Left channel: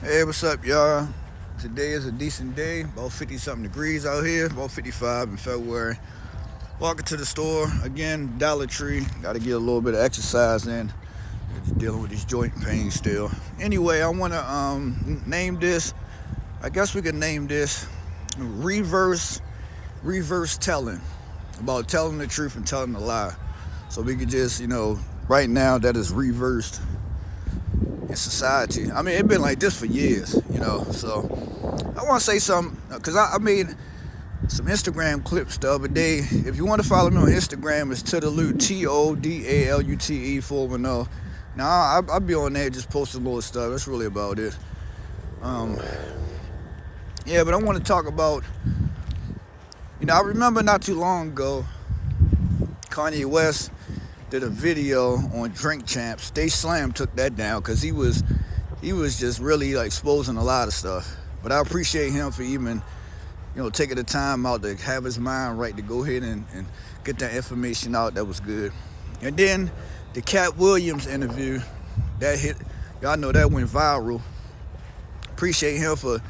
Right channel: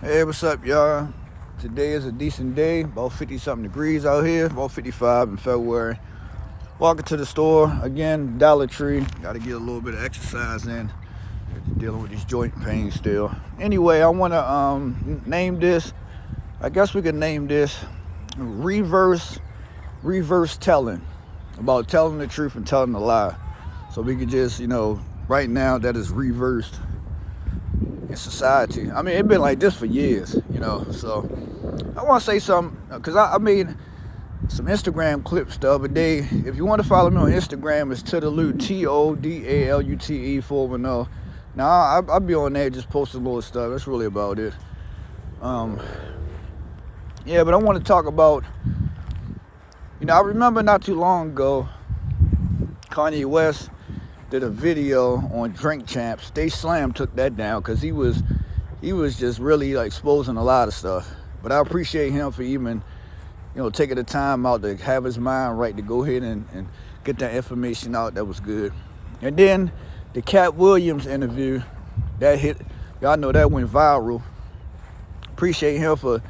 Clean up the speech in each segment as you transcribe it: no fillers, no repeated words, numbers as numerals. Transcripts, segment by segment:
Hey, what's up, y'all? Today is a decent day, about 50-something degrees out here, about 55 in February. Walking to the store, again, Dollar Tree. Got to get a little bit of exercise in. Just dealing with this joint pain still. Anyway, I want to name this, I guess we could name this reverse telling, about telling the truth and telling a lie. So we could just, right now that is reversed in society. I mean, it's been like this for years, so I want to say something, because I made some Instagram clips the other day. If you want to follow me on Instagram, it's todalute, TODALUTE 410. Now, I'll be on there just posting little stuff. That's really about it. Yeah, but I want to talk about, I remember not too long ago, Kanye West did a video on Drink Champs. Stay Slam took that down because he was just really like exposing a lot of stuff. But I appreciate him for even, taking the time out to have his mind right to go ahead and get that information out. That was good. And then the Cat Williams interview, that hit, y'all know that went viral. Appreciate him for,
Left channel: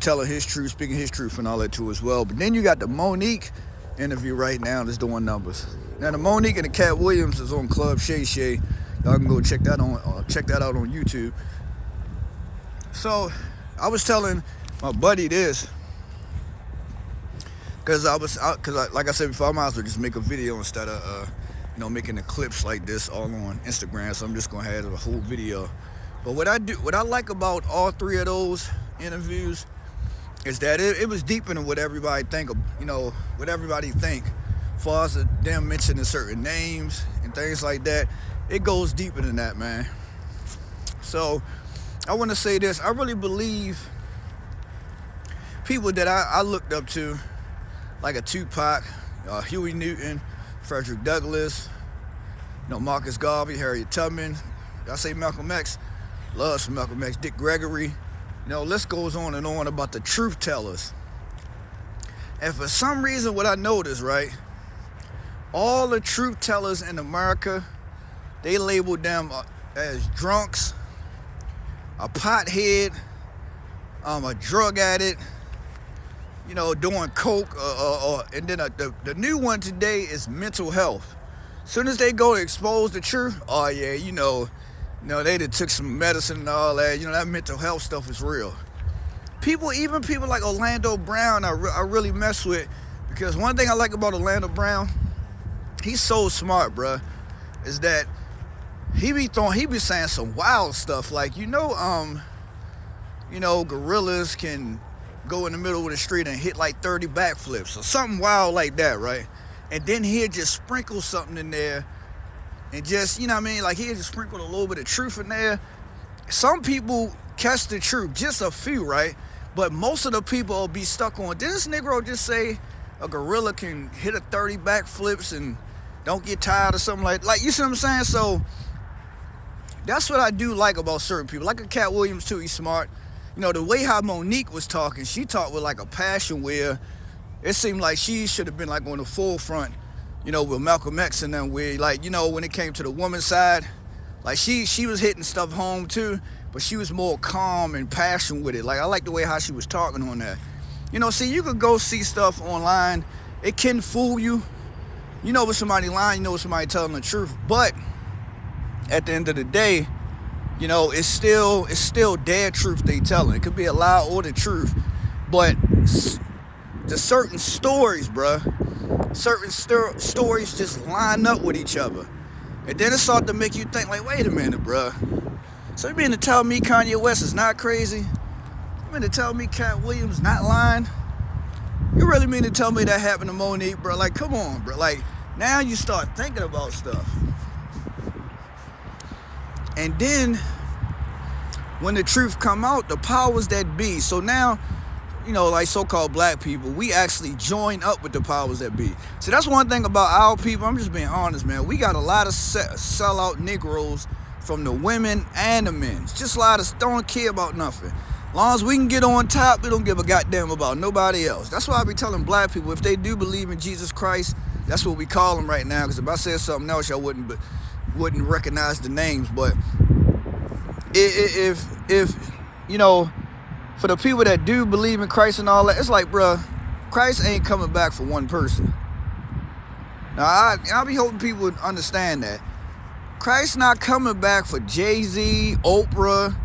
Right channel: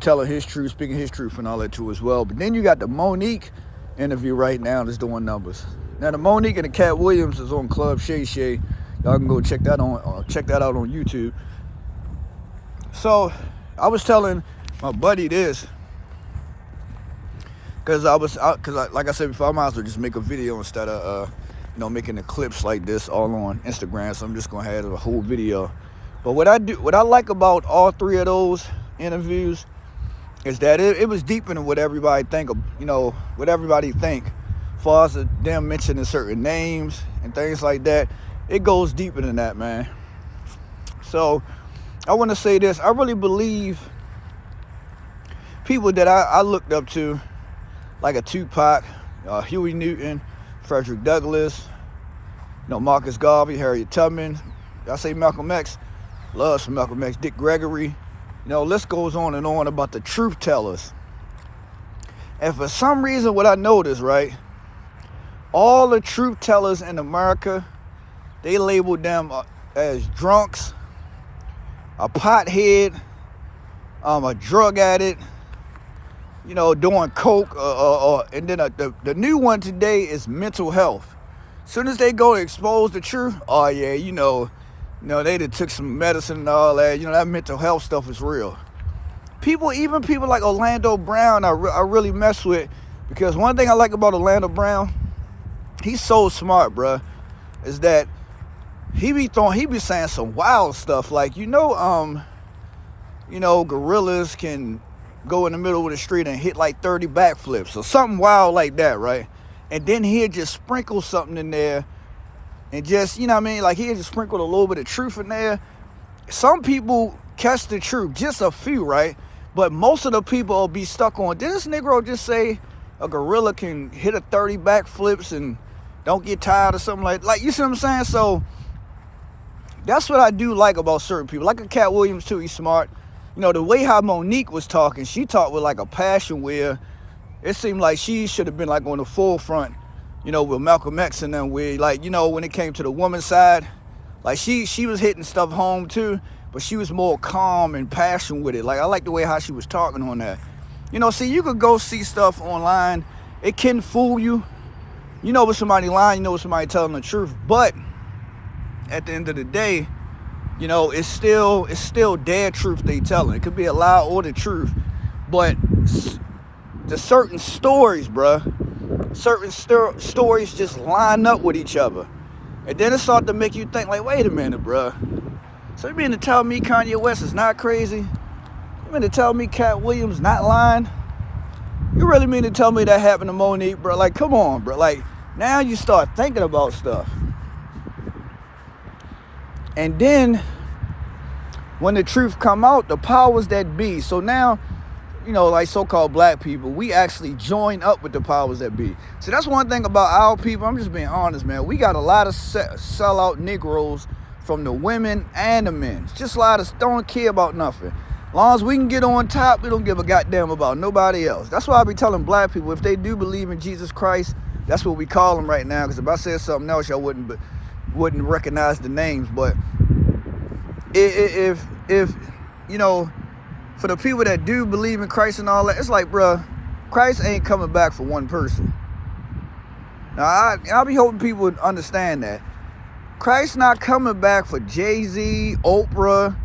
telling his truth, speaking his truth and all that too as well. But then you got the Monique interview right now that's doing numbers. Now the Monique and the Cat Williams is on Club Shay Shay. Y'all can go check that out on YouTube. So I was telling my buddy this, because like I said before, I might as well just make a video instead of making the clips like this all on Instagram. So I'm just gonna have a whole video. But what I like about all three of those interviews is that it was deeper than what everybody think of, what everybody think. As far as them mentioning certain names and things like that, it goes deeper than that, man. So I want to say this. I really believe people that I looked up to, like a Tupac, Huey Newton, Frederick Douglass, Marcus Garvey, Harriet Tubman. I say Malcolm X. Loves for Malcolm X. Dick Gregory. List goes on and on about the truth tellers. And for some reason, what I noticed, right, all the truth tellers in America, they labeled them as drunks, a pothead, a drug addict, doing coke, and then the new one today is mental health. As soon as they go to expose the truth, oh yeah, they done took some medicine and all that. That mental health stuff is real. Even people like Orlando Brown, I really mess with, because one thing I like about Orlando Brown, he's so smart, bruh, is that he be saying some wild stuff like, gorillas can go in the middle of the street and hit like 30 backflips or something wild like that, right? And then he'll just sprinkle something in there and just, like he'll just sprinkle a little bit of truth in there. Some people catch the truth, just a few, right? But most of the people will be stuck on, did this Negro just say a gorilla can hit a 30 backflips and don't get tired or something like, you see what I'm saying? So that's what I do like about certain people. Like a Cat Williams too, he's smart. The way how Monique was talking, she talked with like a passion where it seemed like she should have been like on the forefront, with Malcolm X and them, where like, when it came to the woman's side, like she was hitting stuff home too, but she was more calm and passion with it. Like I like the way how she was talking on that. See, you could go see stuff online. It can fool you. With somebody lying, with somebody telling the truth. But at the end of the day, it's still their truth they telling. It could be a lie or the truth. But the certain stories, bruh, stories just line up with each other. And then it started to make you think, like, wait a minute, bruh. So you mean to tell me Kanye West is not crazy? You mean to tell me Cat Williams not lying? You really mean to tell me that happened to Monique, bro? Like, come on, bro. Like, now you start thinking about stuff. And then, when the truth come out, the powers that be. So now, like so-called black people, we actually join up with the powers that be. So that's one thing about our people. I'm just being honest, man. We got a lot of sellout Negroes from the women and the men. It's just a lot of don't care about nothing. As long as we can get on top, we don't give a goddamn about nobody else. That's why I be telling black people, if they do believe in Jesus Christ, that's what we call them right now. Because if I said something else, y'all wouldn't recognize the names. But if you know, for the people that do believe in Christ and all that, it's like, bruh, Christ ain't coming back for one person. Now, I'll be hoping people would understand that. Christ not coming back for Jay-Z, Oprah,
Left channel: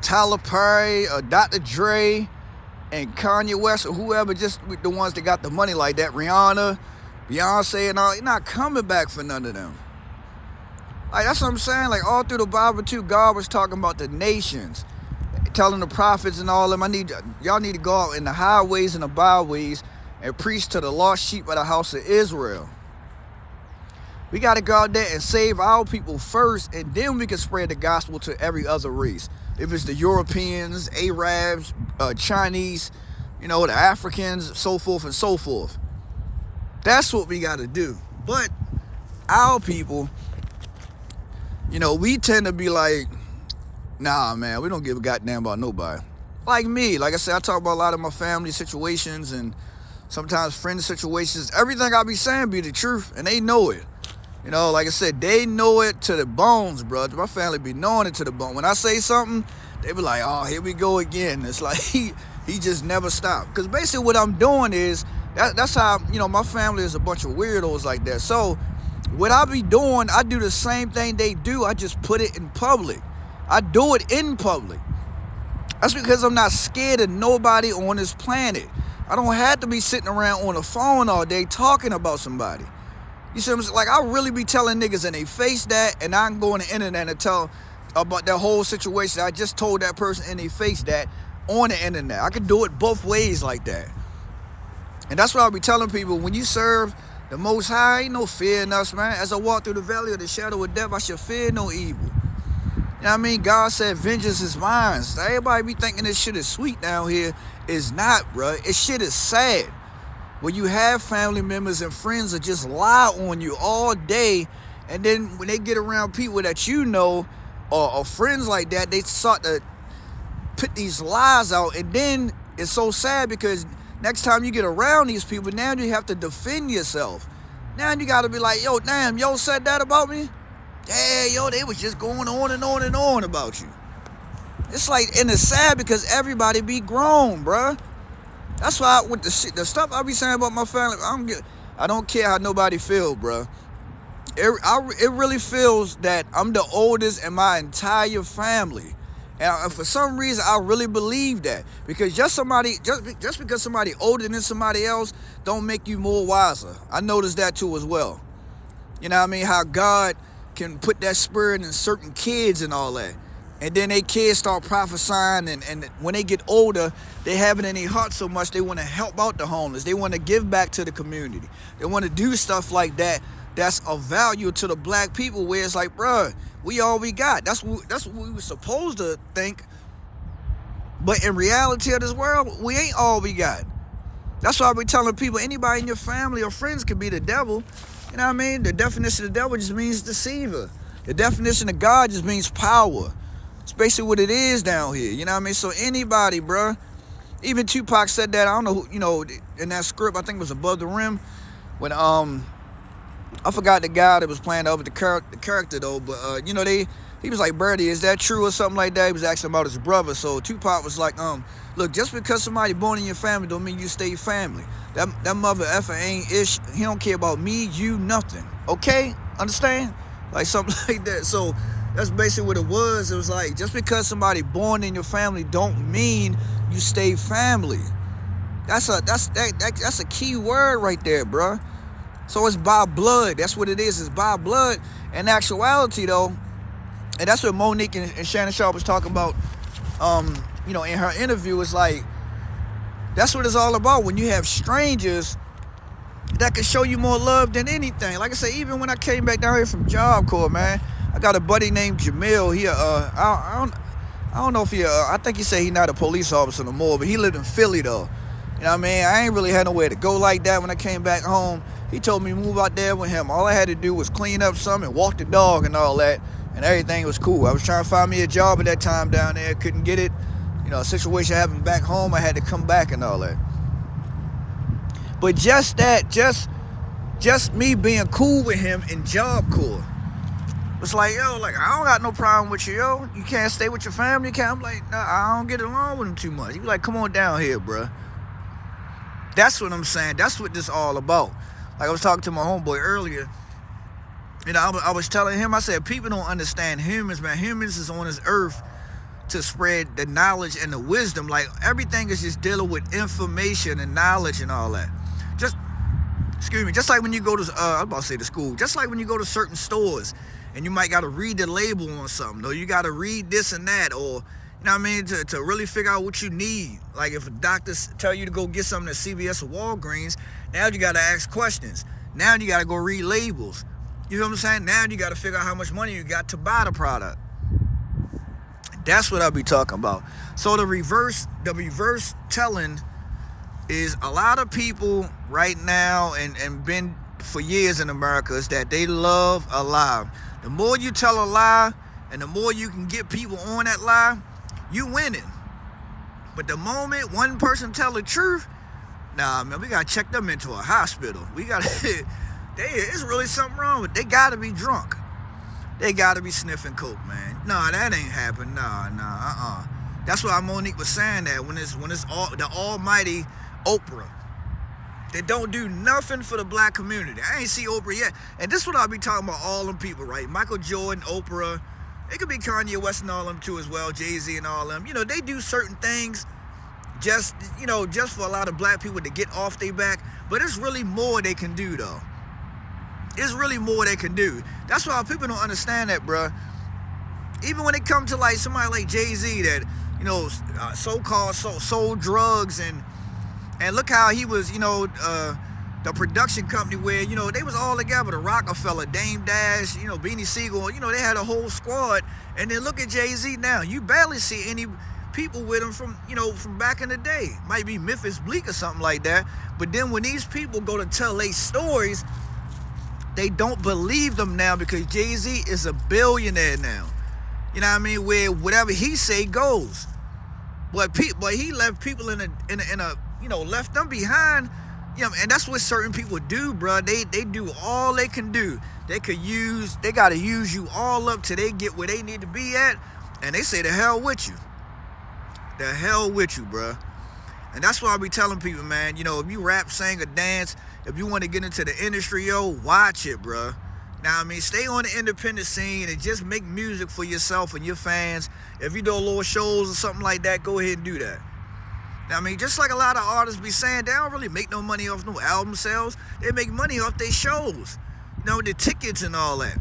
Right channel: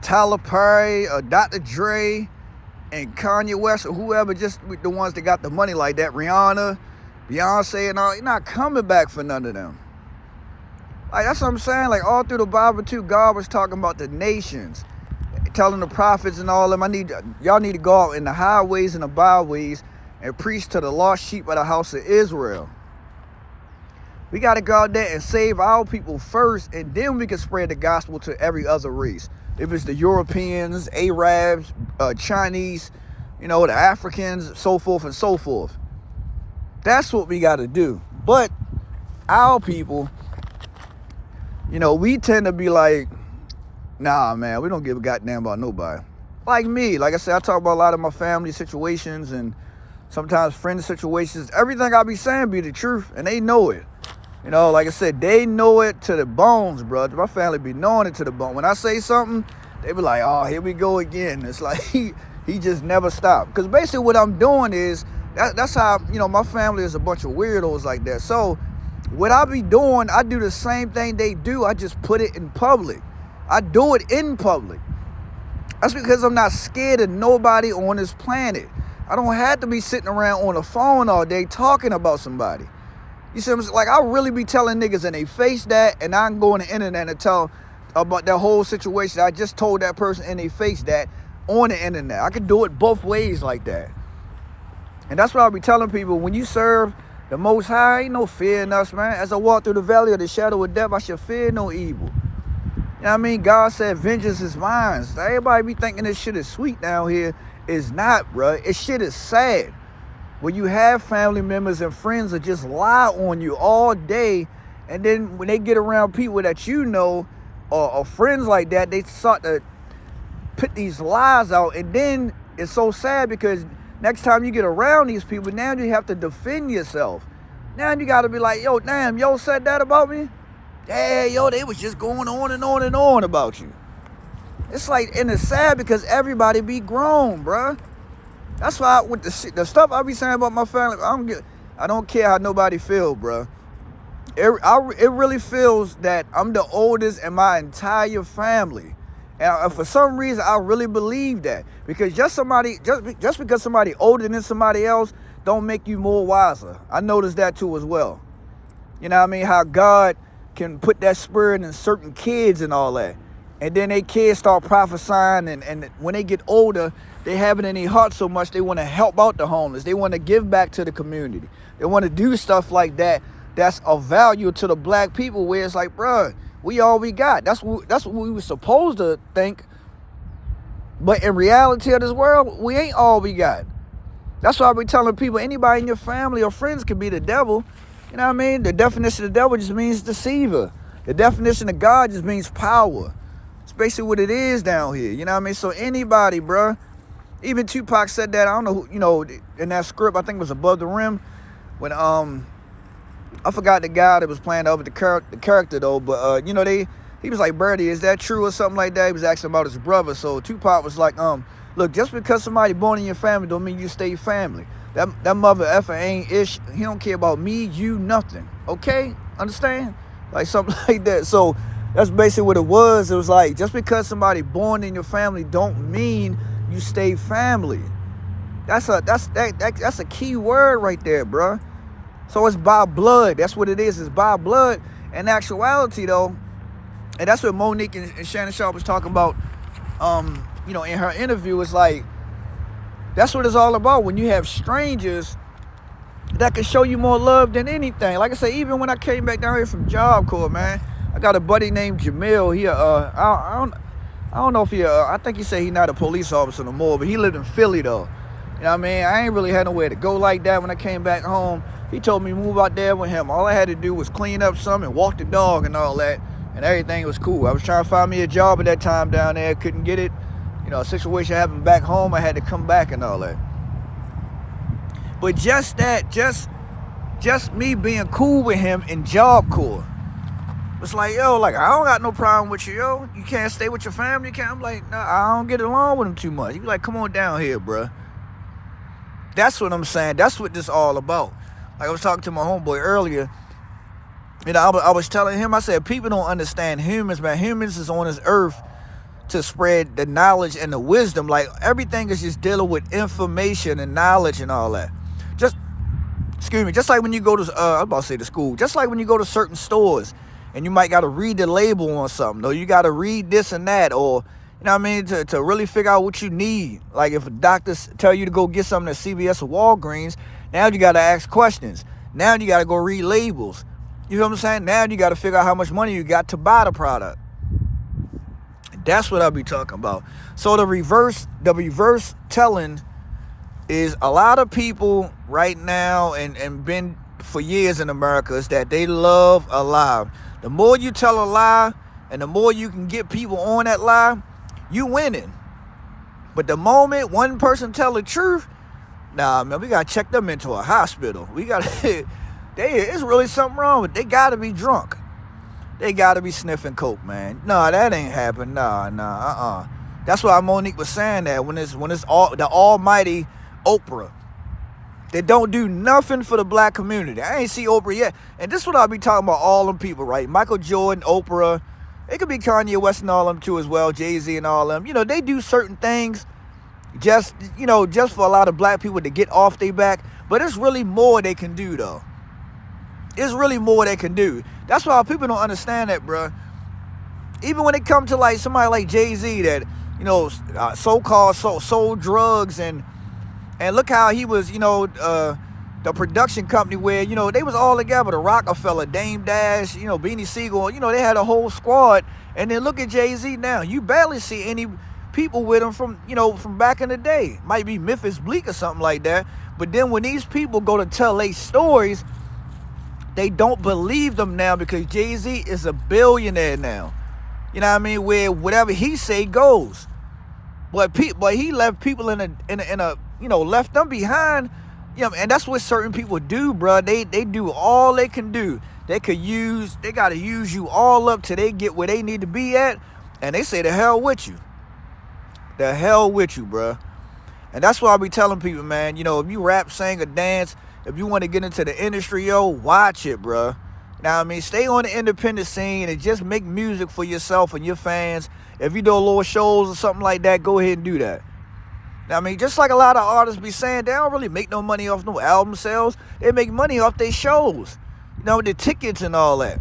Tyler Perry, Dr. Dre, and Kanye West, or whoever, just the ones that got the money like that, Rihanna, Beyonce, and all. He's not coming back for none of them. Like, that's what I'm saying. Like, all through the Bible, too, God was talking about the nations, telling the prophets and all them, y'all need to go out in the highways and the byways and preach to the lost sheep of the house of Israel. We got to go out there and save our people first, and then we can spread the gospel to every other race. If it's the Europeans, Arabs, Chinese, you know, the Africans, so forth and so forth. That's what we got to do. But our people, you know, we tend to be like, nah, man, we don't give a goddamn about nobody. Like me, like I said, I talk about a lot of my family situations and sometimes friend situations. Everything I be saying be the truth, and they know it. You know, like I said, they know it to the bones, bro. My family be knowing it to the bone. When I say something, they be like, oh, here we go again. It's like he just never stopped. Because basically what I'm doing is, that's how, you know, my family is a bunch of weirdos like that. So what I be doing, I do the same thing they do. I just put it in public. I do it in public. That's because I'm not scared of nobody on this planet. I don't have to be sitting around on the phone all day talking about somebody. You see what I'm saying? Like, I really be telling niggas and they face that, and I can go on the internet and tell about that whole situation. I just told that person and they face that on the internet. I could do it both ways like that. And that's what I'll be telling people. When you serve the Most High, ain't no fear in us, man. As I walk through the valley of the shadow of death, I shall fear no evil. You know what I mean? God said, vengeance is mine. So everybody be thinking this shit is sweet down here. It's not, bro. This shit is sad. When you have family members and friends that just lie on you all day, and then when they get around people that you know, or friends like that, they start to put these lies out, and then it's so sad because next time you get around these people, now you have to defend yourself. Now you got to be like, yo, damn, yo said that about me? Yeah, yo, they was just going on and on and on about you. It's like, and it's sad because everybody be grown, bruh. That's why with the stuff I be saying about my family, I don't care how nobody feel, bro. It really feels that I'm the oldest in my entire family, and for some reason I really believe that, because just because somebody older than somebody else don't make you more wiser. I noticed that too as well. You know what I mean? How God can put that spirit in certain kids and all that. And then they kids start prophesying, and when they get older, they have it in their heart so much they want to help out the homeless. They want to give back to the community. They want to do stuff like that that's of value to the black people, where it's like, bruh, we all we got. That's what we were supposed to think. But in reality of this world, we ain't all we got. That's why I be telling people, anybody in your family or friends can be the devil. You know what I mean? The definition of the devil just means deceiver. The definition of God just means power. It's basically what it is down here. You know what I mean? So anybody, bruh. Even Tupac said that. I don't know who, you know, in that script, I think it was Above the Rim. When, I forgot the guy that was playing over the character though. But, you know, he was like, Birdie, is that true or something like that? He was asking about his brother. So Tupac was like, look, just because somebody born in your family don't mean you stay family. That mother effer ain't ish. He don't care about me, you, nothing. Okay? Understand? Like something like that. So that's basically what it was. It was like, just because somebody born in your family don't mean you stay family. That's a key word right there, bro. So it's by blood. That's what it is. It's by blood. In actuality, though, and that's what Monique and Shannon Sharp was talking about, you know, in her interview. It's like, that's what it's all about. When you have strangers that can show you more love than anything. Like I say, even when I came back down here from Job Corps, man, I got a buddy named Jamil. He, I don't know if he, I think he said he's not a police officer no more, but he lived in Philly though. You know what I mean? I ain't really had nowhere to go like that when I came back home. He told me to move out there with him. All I had to do was clean up some and walk the dog and all that, and everything was cool. I was trying to find me a job at that time down there, couldn't get it. You know, a situation happened back home, I had to come back and all that. But just that, just me being cool with him in Job Corps, was like, yo, like, I don't got no problem with you, yo. You can't stay with your family, you can't. I'm like, nah, I don't get along with him too much. He was like, come on down here, bruh. That's what I'm saying. That's what this all about. Like I was talking to my homeboy earlier. You know, I was telling him, I said, people don't understand humans, man. Humans is on this earth to spread the knowledge and the wisdom. Like, everything is just dealing with information and knowledge and all that. Just like when you go to, I was about to say to school, just like when you go to certain stores and you might got to read the label on something, or you got to read this and that, or, you know what I mean, to really figure out what you need. Like if a doctor tell you to go get something at CVS or Walgreens, now you got to ask questions. Now you got to go read labels. You know what I'm saying? Now you got to figure out how much money you got to buy the product. That's what I be talking about. So the reverse telling is a lot of people right now and been for years in America is that they love a lie. The more you tell a lie and the more you can get people on that lie, you winning. But the moment one person tell the truth, nah, man, we got to check them into a hospital. We got to, it's really something wrong with them. They got to be drunk. They got to be sniffing coke, man. Nah, that ain't happen. Nah. That's why Monique was saying that when it's all the almighty Oprah. They don't do nothing for the black community. I ain't see Oprah yet. And this is what I'll be talking about, all them people, right? Michael Jordan, Oprah. It could be Kanye West and all them too as well, Jay-Z and all them. You know, they do certain things just for a lot of black people to get off their back. But it's really more they can do, though. It's really more they can do. That's why people don't understand that, bruh. Even when it comes to like somebody like Jay-Z that, you know, so-called sold drugs and look how he was, you know, the production company where, you know, they was all together, the Rockefeller, Dame Dash, you know, Beanie Siegel, you know, they had a whole squad. And then look at Jay-Z now. You barely see any people with him from, you know, from back in the day. Might be Memphis Bleak or something like that. But then when these people go to tell their stories, they don't believe them now because Jay-Z is a billionaire now. You know what I mean? Where whatever he say goes. But he left people in a you know, left them behind. You know, and that's what certain people do, bro. They do all they can do. They gotta use you all up till they get where they need to be at, and they say the hell with you. The hell with you, bro. And that's why I be telling people, man, you know, if you rap, sing, or dance, if you want to get into the industry, yo, watch it, bro. Now, I mean, stay on the independent scene and just make music for yourself and your fans. If you do a little shows or something like that, go ahead and do that. Now, I mean, just like a lot of artists be saying, they don't really make no money off no album sales. They make money off their shows. You know, the tickets and all that.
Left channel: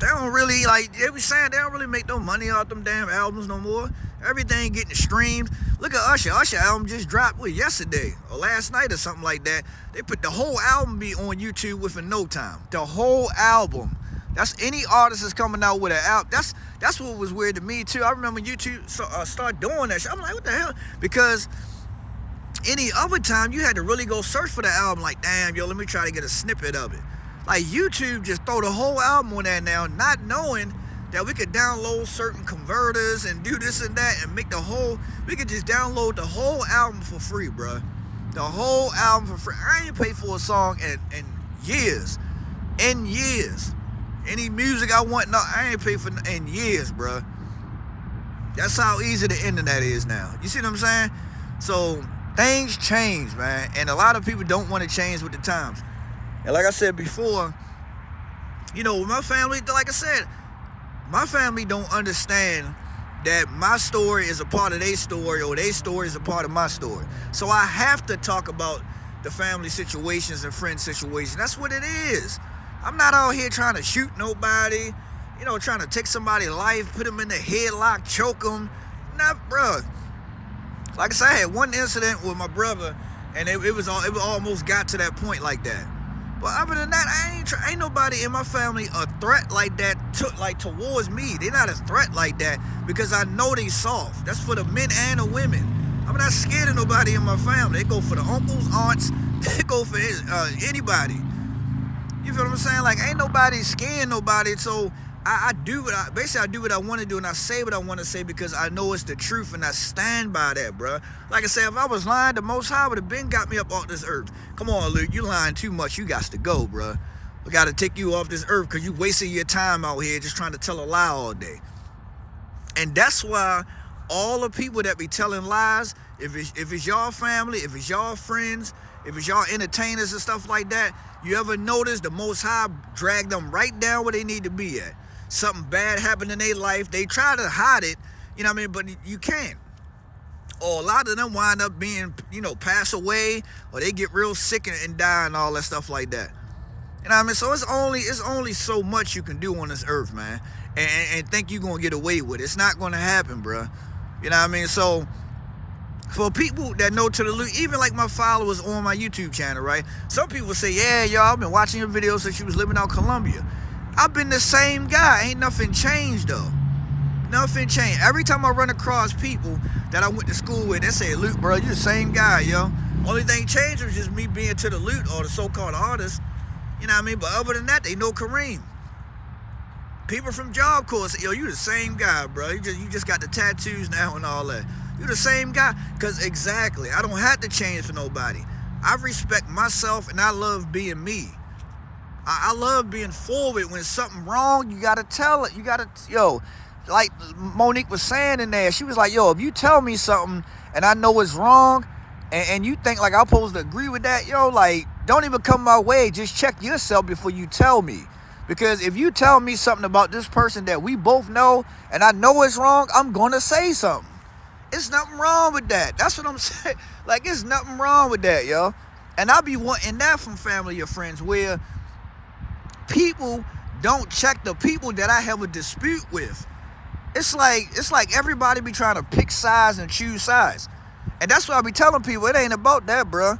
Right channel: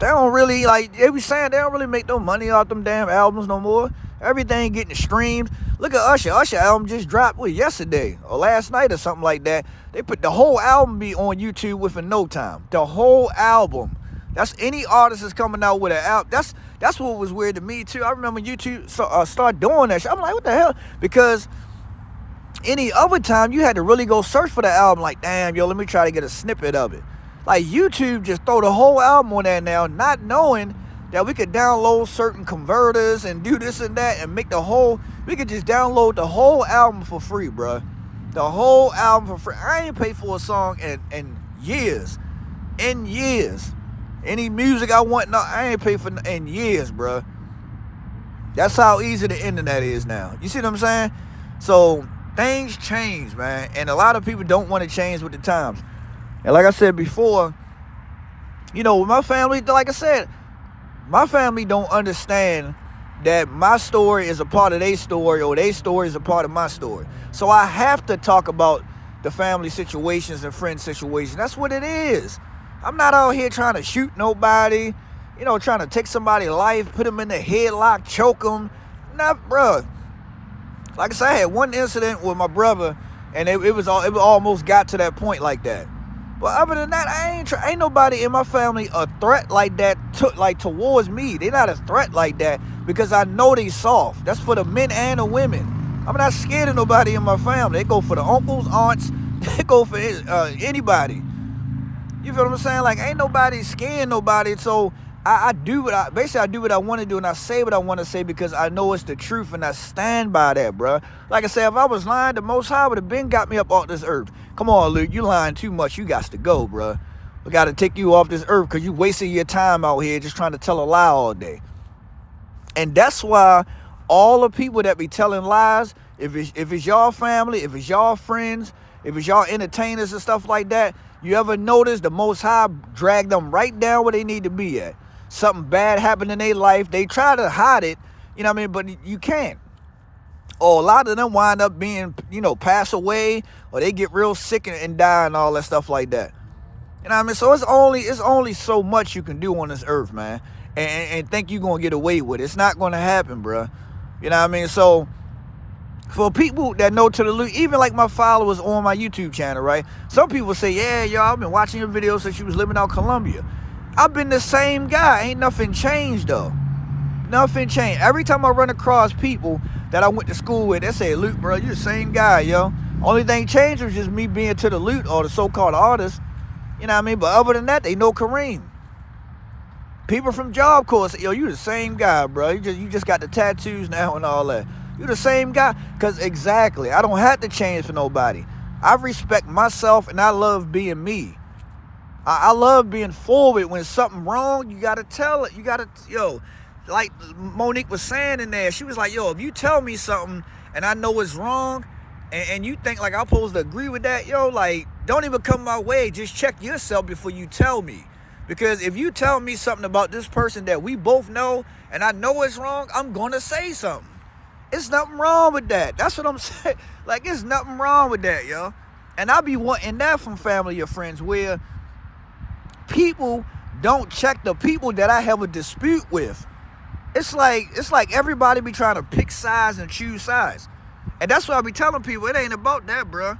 They don't really, like, they be saying they don't really make no money off them damn albums no more. Everything getting streamed. Look at Usher. Usher album just dropped, yesterday or last night or something like that. They put the whole album be on YouTube within no time. The whole album. That's any artist is coming out with an album. That's what was weird to me too. I remember YouTube start doing that shit. I'm like, what the hell? Because any other time you had to really go search for the album. Like, damn, yo, let me try to get a snippet of it. Like YouTube just throw the whole album on there now, not knowing that we could download certain converters and do this and that and we could just download the whole album for free, bro. The whole album for free. I ain't paid for a song in years. In years. Any music I want, no, I ain't paid for in years, bro. That's how easy the internet is now. You see what I'm saying? So things change, man. And a lot of people don't want to change with the times. And like I said before, you know, with my family, like I said, my family don't understand that my story is a part of their story or their story is a part of my story. So I have to talk about the family situations and friend situations. That's what it is. I'm not out here trying to shoot nobody, you know, trying to take somebody's life, put them in the headlock, choke them. Nah, bro. Like I said, I had one incident with my brother, and it almost got to that point like that. But other than that, ain't nobody in my family a threat like that towards me. They not a threat like that because I know they soft. That's for the men and the women. I'm not scared of nobody in my family. They go for the uncles, aunts. They go for anybody. You feel what I'm saying? Like, ain't nobody scaring nobody. So I do what I want to do, and I say what I want to say because I know it's the truth, and I stand by that, bro. Like I said, if I was lying, the Most High would have been got me up off this earth. Come on, Luke, you lying too much. You got to go, bro. We got to take you off this earth because you wasting your time out here just trying to tell a lie all day. And that's why all the people that be telling lies, if it's y'all family, if it's y'all friends, if it's y'all entertainers and stuff like that, you ever notice the Most High drag them right down where they need to be at? Something bad happened in their life. They try to hide it, you know what I mean? But you can't. Or a lot of them wind up being, pass away, or they get real sick and die and all that stuff like that. You know what I mean? So it's only so much you can do on this earth, man, and think you're gonna get away with it. It's not gonna happen, bro. You know what I mean? So for people that know To The Lute, even like my followers on my YouTube channel, right? Some people say, yeah, y'all, I've been watching your videos since you was living out Colombia. I've been the same guy. Ain't nothing changed though. Nothing changed. Every time I run across people that I went to school with, they say, Lute, bro, you the same guy, yo. Only thing changed was just me being To The Lute or the so-called artist. You know what I mean? But other than that, they know Kareem. People from Job Corps say, yo, you the same guy, bro. You just got the tattoos now and all that. You the same guy. Because exactly, I don't have to change for nobody. I respect myself and I love being me. I love being forward. When something wrong, you got to tell it. You got to, like Monique was saying in there, she was like, yo, if you tell me something and I know it's wrong, and you think like I'm supposed to agree with that, like, don't even come my way. Just check yourself before you tell me. Because if you tell me something about this person that we both know and I know it's wrong, I'm going to say something. It's nothing wrong with that. That's what I'm saying. Like, it's nothing wrong with that, yo. And I be wanting that from family or friends, where people don't check the people that I have a dispute with. It's like everybody be trying to pick sides and choose sides. And that's why I be telling people, it ain't about that, bro.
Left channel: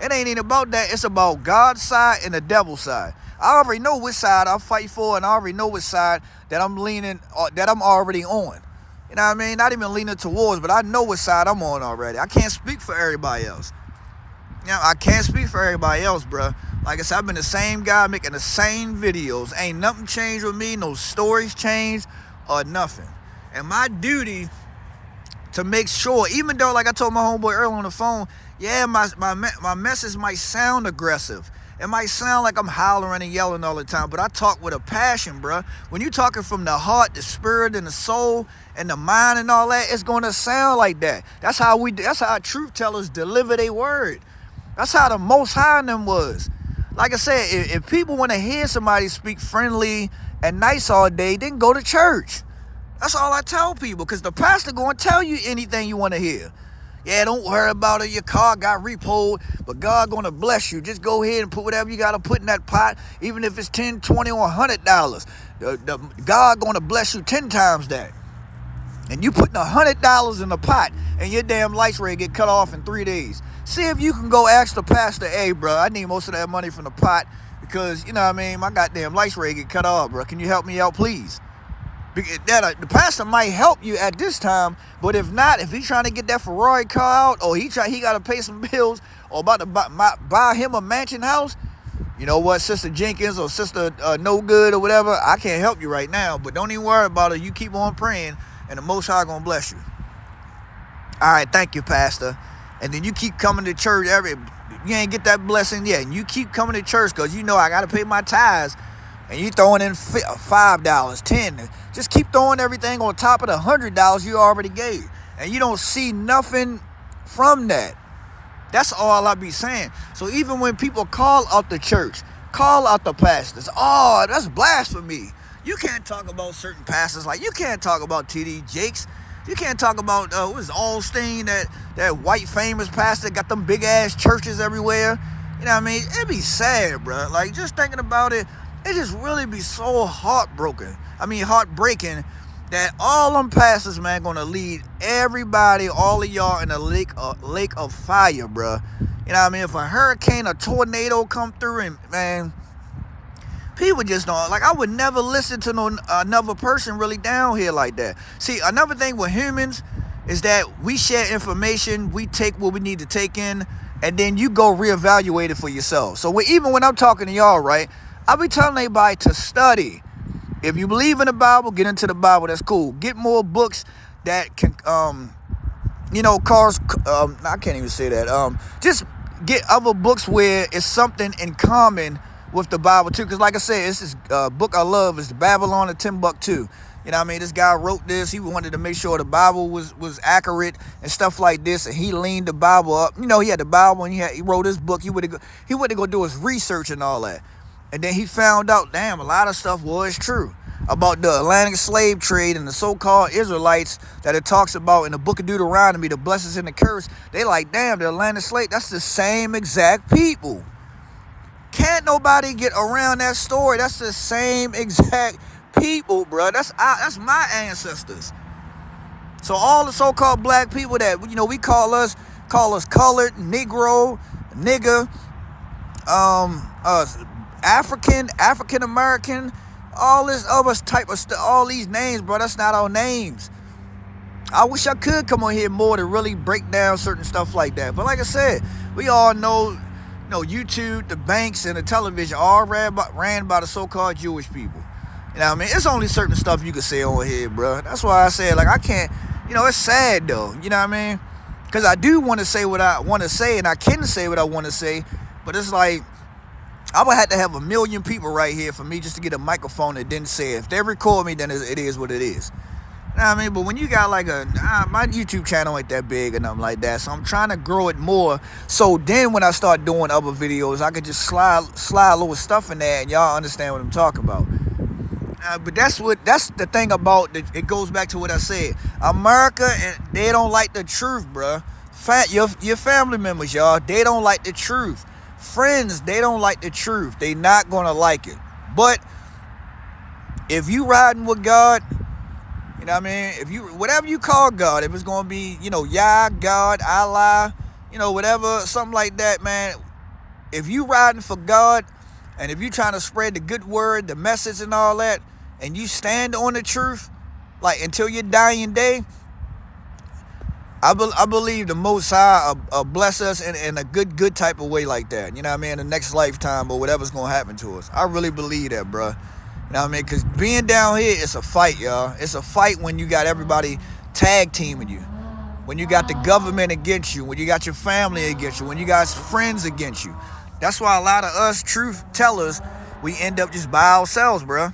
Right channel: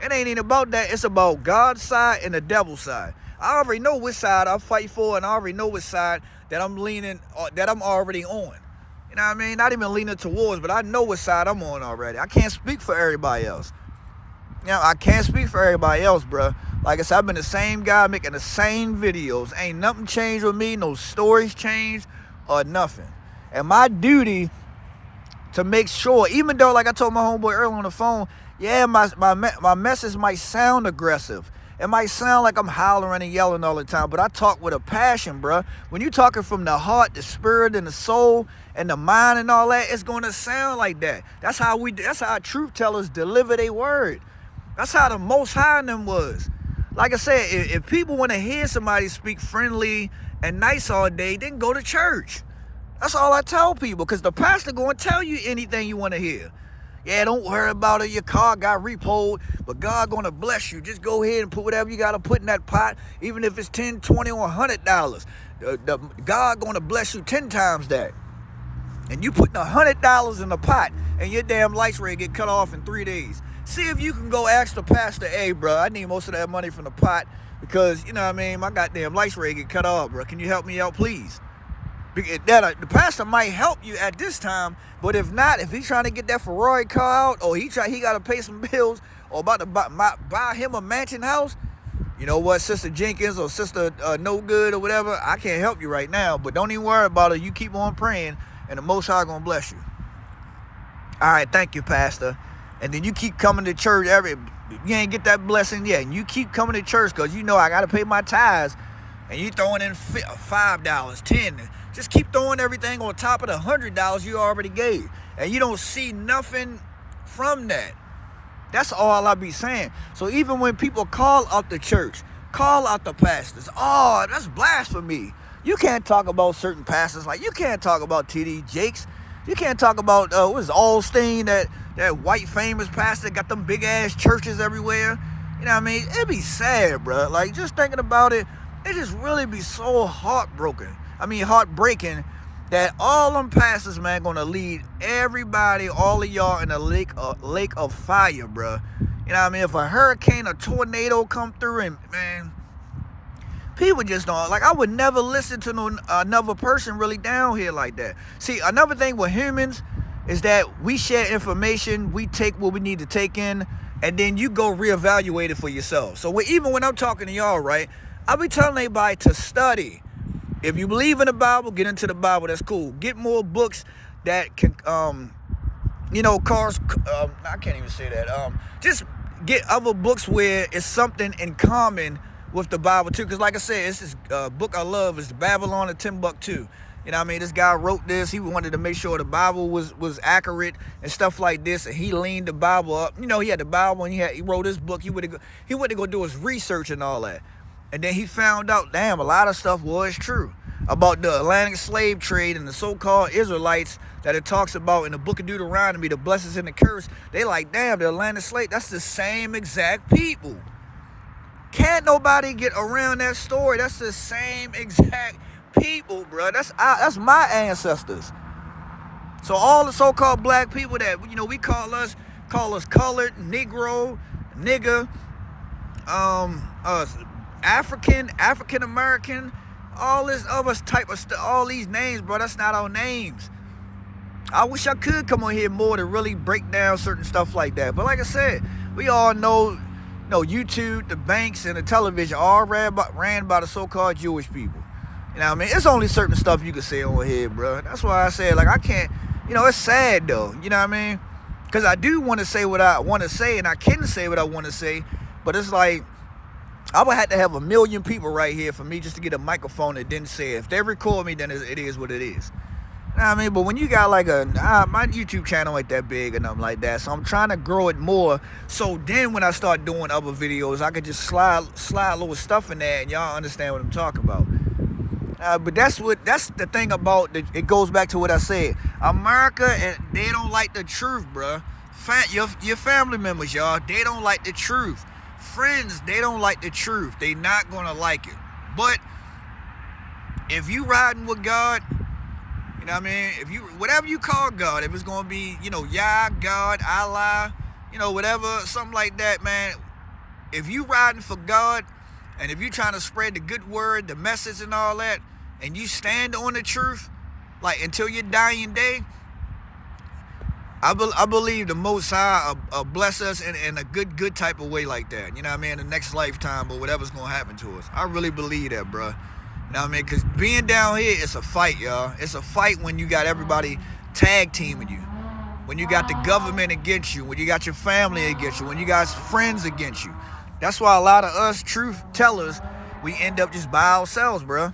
It ain't even about that. It's about God's side and the devil's side. I already know which side I fight for, and I already know which side that I'm leaning, that I'm already on. You know what I mean? Not even leaning towards, but I know which side I'm on already. I can't speak for everybody else. I can't speak for everybody else, bro. Like I said, I've been the same guy making the same videos. Ain't nothing changed with me. No stories changed or nothing. And my duty to make sure, even though, like I told my homeboy earlier on the phone, yeah, my message might sound aggressive. It might sound like I'm hollering and yelling all the time, but I talk with a passion, bro. When you talking from the heart, the spirit, and the soul, and the mind, and all that, it's gonna sound like that. That's how truth tellers deliver their word. That's how the Most High in them was. Like I said, if people want to hear somebody speak friendly and nice all day, then go to church. That's all I tell people, because the pastor going to tell you anything you want to hear. Yeah, don't worry about it. Your car got repoed, but God going to bless you. Just go ahead and put whatever you got to put in that pot, even if it's $10, $20, or $100. God going to bless you 10 times that. And you putting $100 in the pot, and your damn lights rate get cut off in 3 days. See if you can go ask the pastor, hey, bro, I need most of that money from the pot because, you know what I mean, my goddamn lights rate get cut off, bro. Can you help me out, please? The pastor might help you at this time, but if not, if he's trying to get that Ferrari car out, or he got to pay some bills, or about to buy him a mansion house, you know what, Sister Jenkins or Sister No Good or whatever, I can't help you right now, but don't even worry about it. You keep on praying, and the Most High gonna bless you. All right, thank you, Pastor. And then you keep coming to church you ain't get that blessing yet, and you keep coming to church because you know I got to pay my tithes, and you throwing in $5, $10. Just keep throwing everything on top of the $100 you already gave. And you don't see nothing from that. That's all I be saying. So even when people call out the church, call out the pastors, oh, that's blasphemy. You can't talk about certain pastors. Like, you can't talk about T.D. Jakes. You can't talk about, what is Allsteen, that white famous pastor, got them big-ass churches everywhere. You know what I mean? It'd be sad, bro. Like, just thinking about it, it just really be so heartbreaking that all them pastors, man, gonna lead everybody, all of y'all, in a lake of fire, bro. You know what I mean? If a hurricane or tornado come through, and man, people just don't, like, I would never listen to another person really down here like that. See, another thing with humans is that we share information, we take what we need to take in, and then you go reevaluate it for yourself. So even when I'm talking to y'all, right, I be telling everybody to study. If you believe in the Bible, get into the Bible. That's cool. Get more books that can, I can't even say that. Just get other books where it's something in common with the Bible too, because like I said, it's this book I love. It's the Babylon of Timbuktu. You know what I mean? This guy wrote this. He wanted to make sure the Bible was accurate and stuff like this, and he leaned the Bible up. You know, he had the Bible and he wrote his book. He went to go do his research and all that, and then he found out, damn, a lot of stuff was true about the Atlantic slave trade and the so-called Israelites that it talks about in the book of Deuteronomy, the blessings and the curse. They like, damn, the Atlantic slave, that's the same exact people. Can't nobody get around that story. That's the same exact people, bro. That's my ancestors. So all the so-called black people that, you know, we call us colored, Negro, nigger, African American, all this other type of stuff, all these names, bro. That's not our names. I wish I could come on here more to really break down certain stuff like that. But like I said, we all know, YouTube, the banks, and the television all ran by the so-called Jewish people. You know what I mean? It's only certain stuff you can say on here, bro. That's why I said, like, I can't, it's sad, though. You know what I mean? Because I do want to say what I want to say, and I can say what I want to say, but it's like, I would have to have 1 million people right here for me just to get a microphone and then say it. If they record me, then it is what it is. You know what I mean? But when you got like my YouTube channel ain't that big or nothing like that, so I'm trying to grow it more. So then when I start doing other videos, I can just slide a little stuff in there and y'all understand what I'm talking about. But that's the thing about it goes back to what I said. America, and they don't like the truth, bruh. Your family members, y'all, they don't like the truth. Friends, they don't like the truth. They not gonna like it. But if you riding with God, you know what I mean? Whatever you call God, if it's gonna be, Yah, God, Allah, whatever, something like that, man. If you riding for God, and if you trying to spread the good word, the message and all that, and you stand on the truth, like until your dying day, I believe the Most High bless us in a good type of way like that. You know what I mean? The next lifetime or whatever's going to happen to us. I really believe that, bro. You know what I mean? Because being down here, it's a fight, y'all. It's a fight when you got everybody tag teaming you. When you got the government against you. When you got your family against you. When you got friends against you. That's why a lot of us truth tellers, we end up just by ourselves, bro.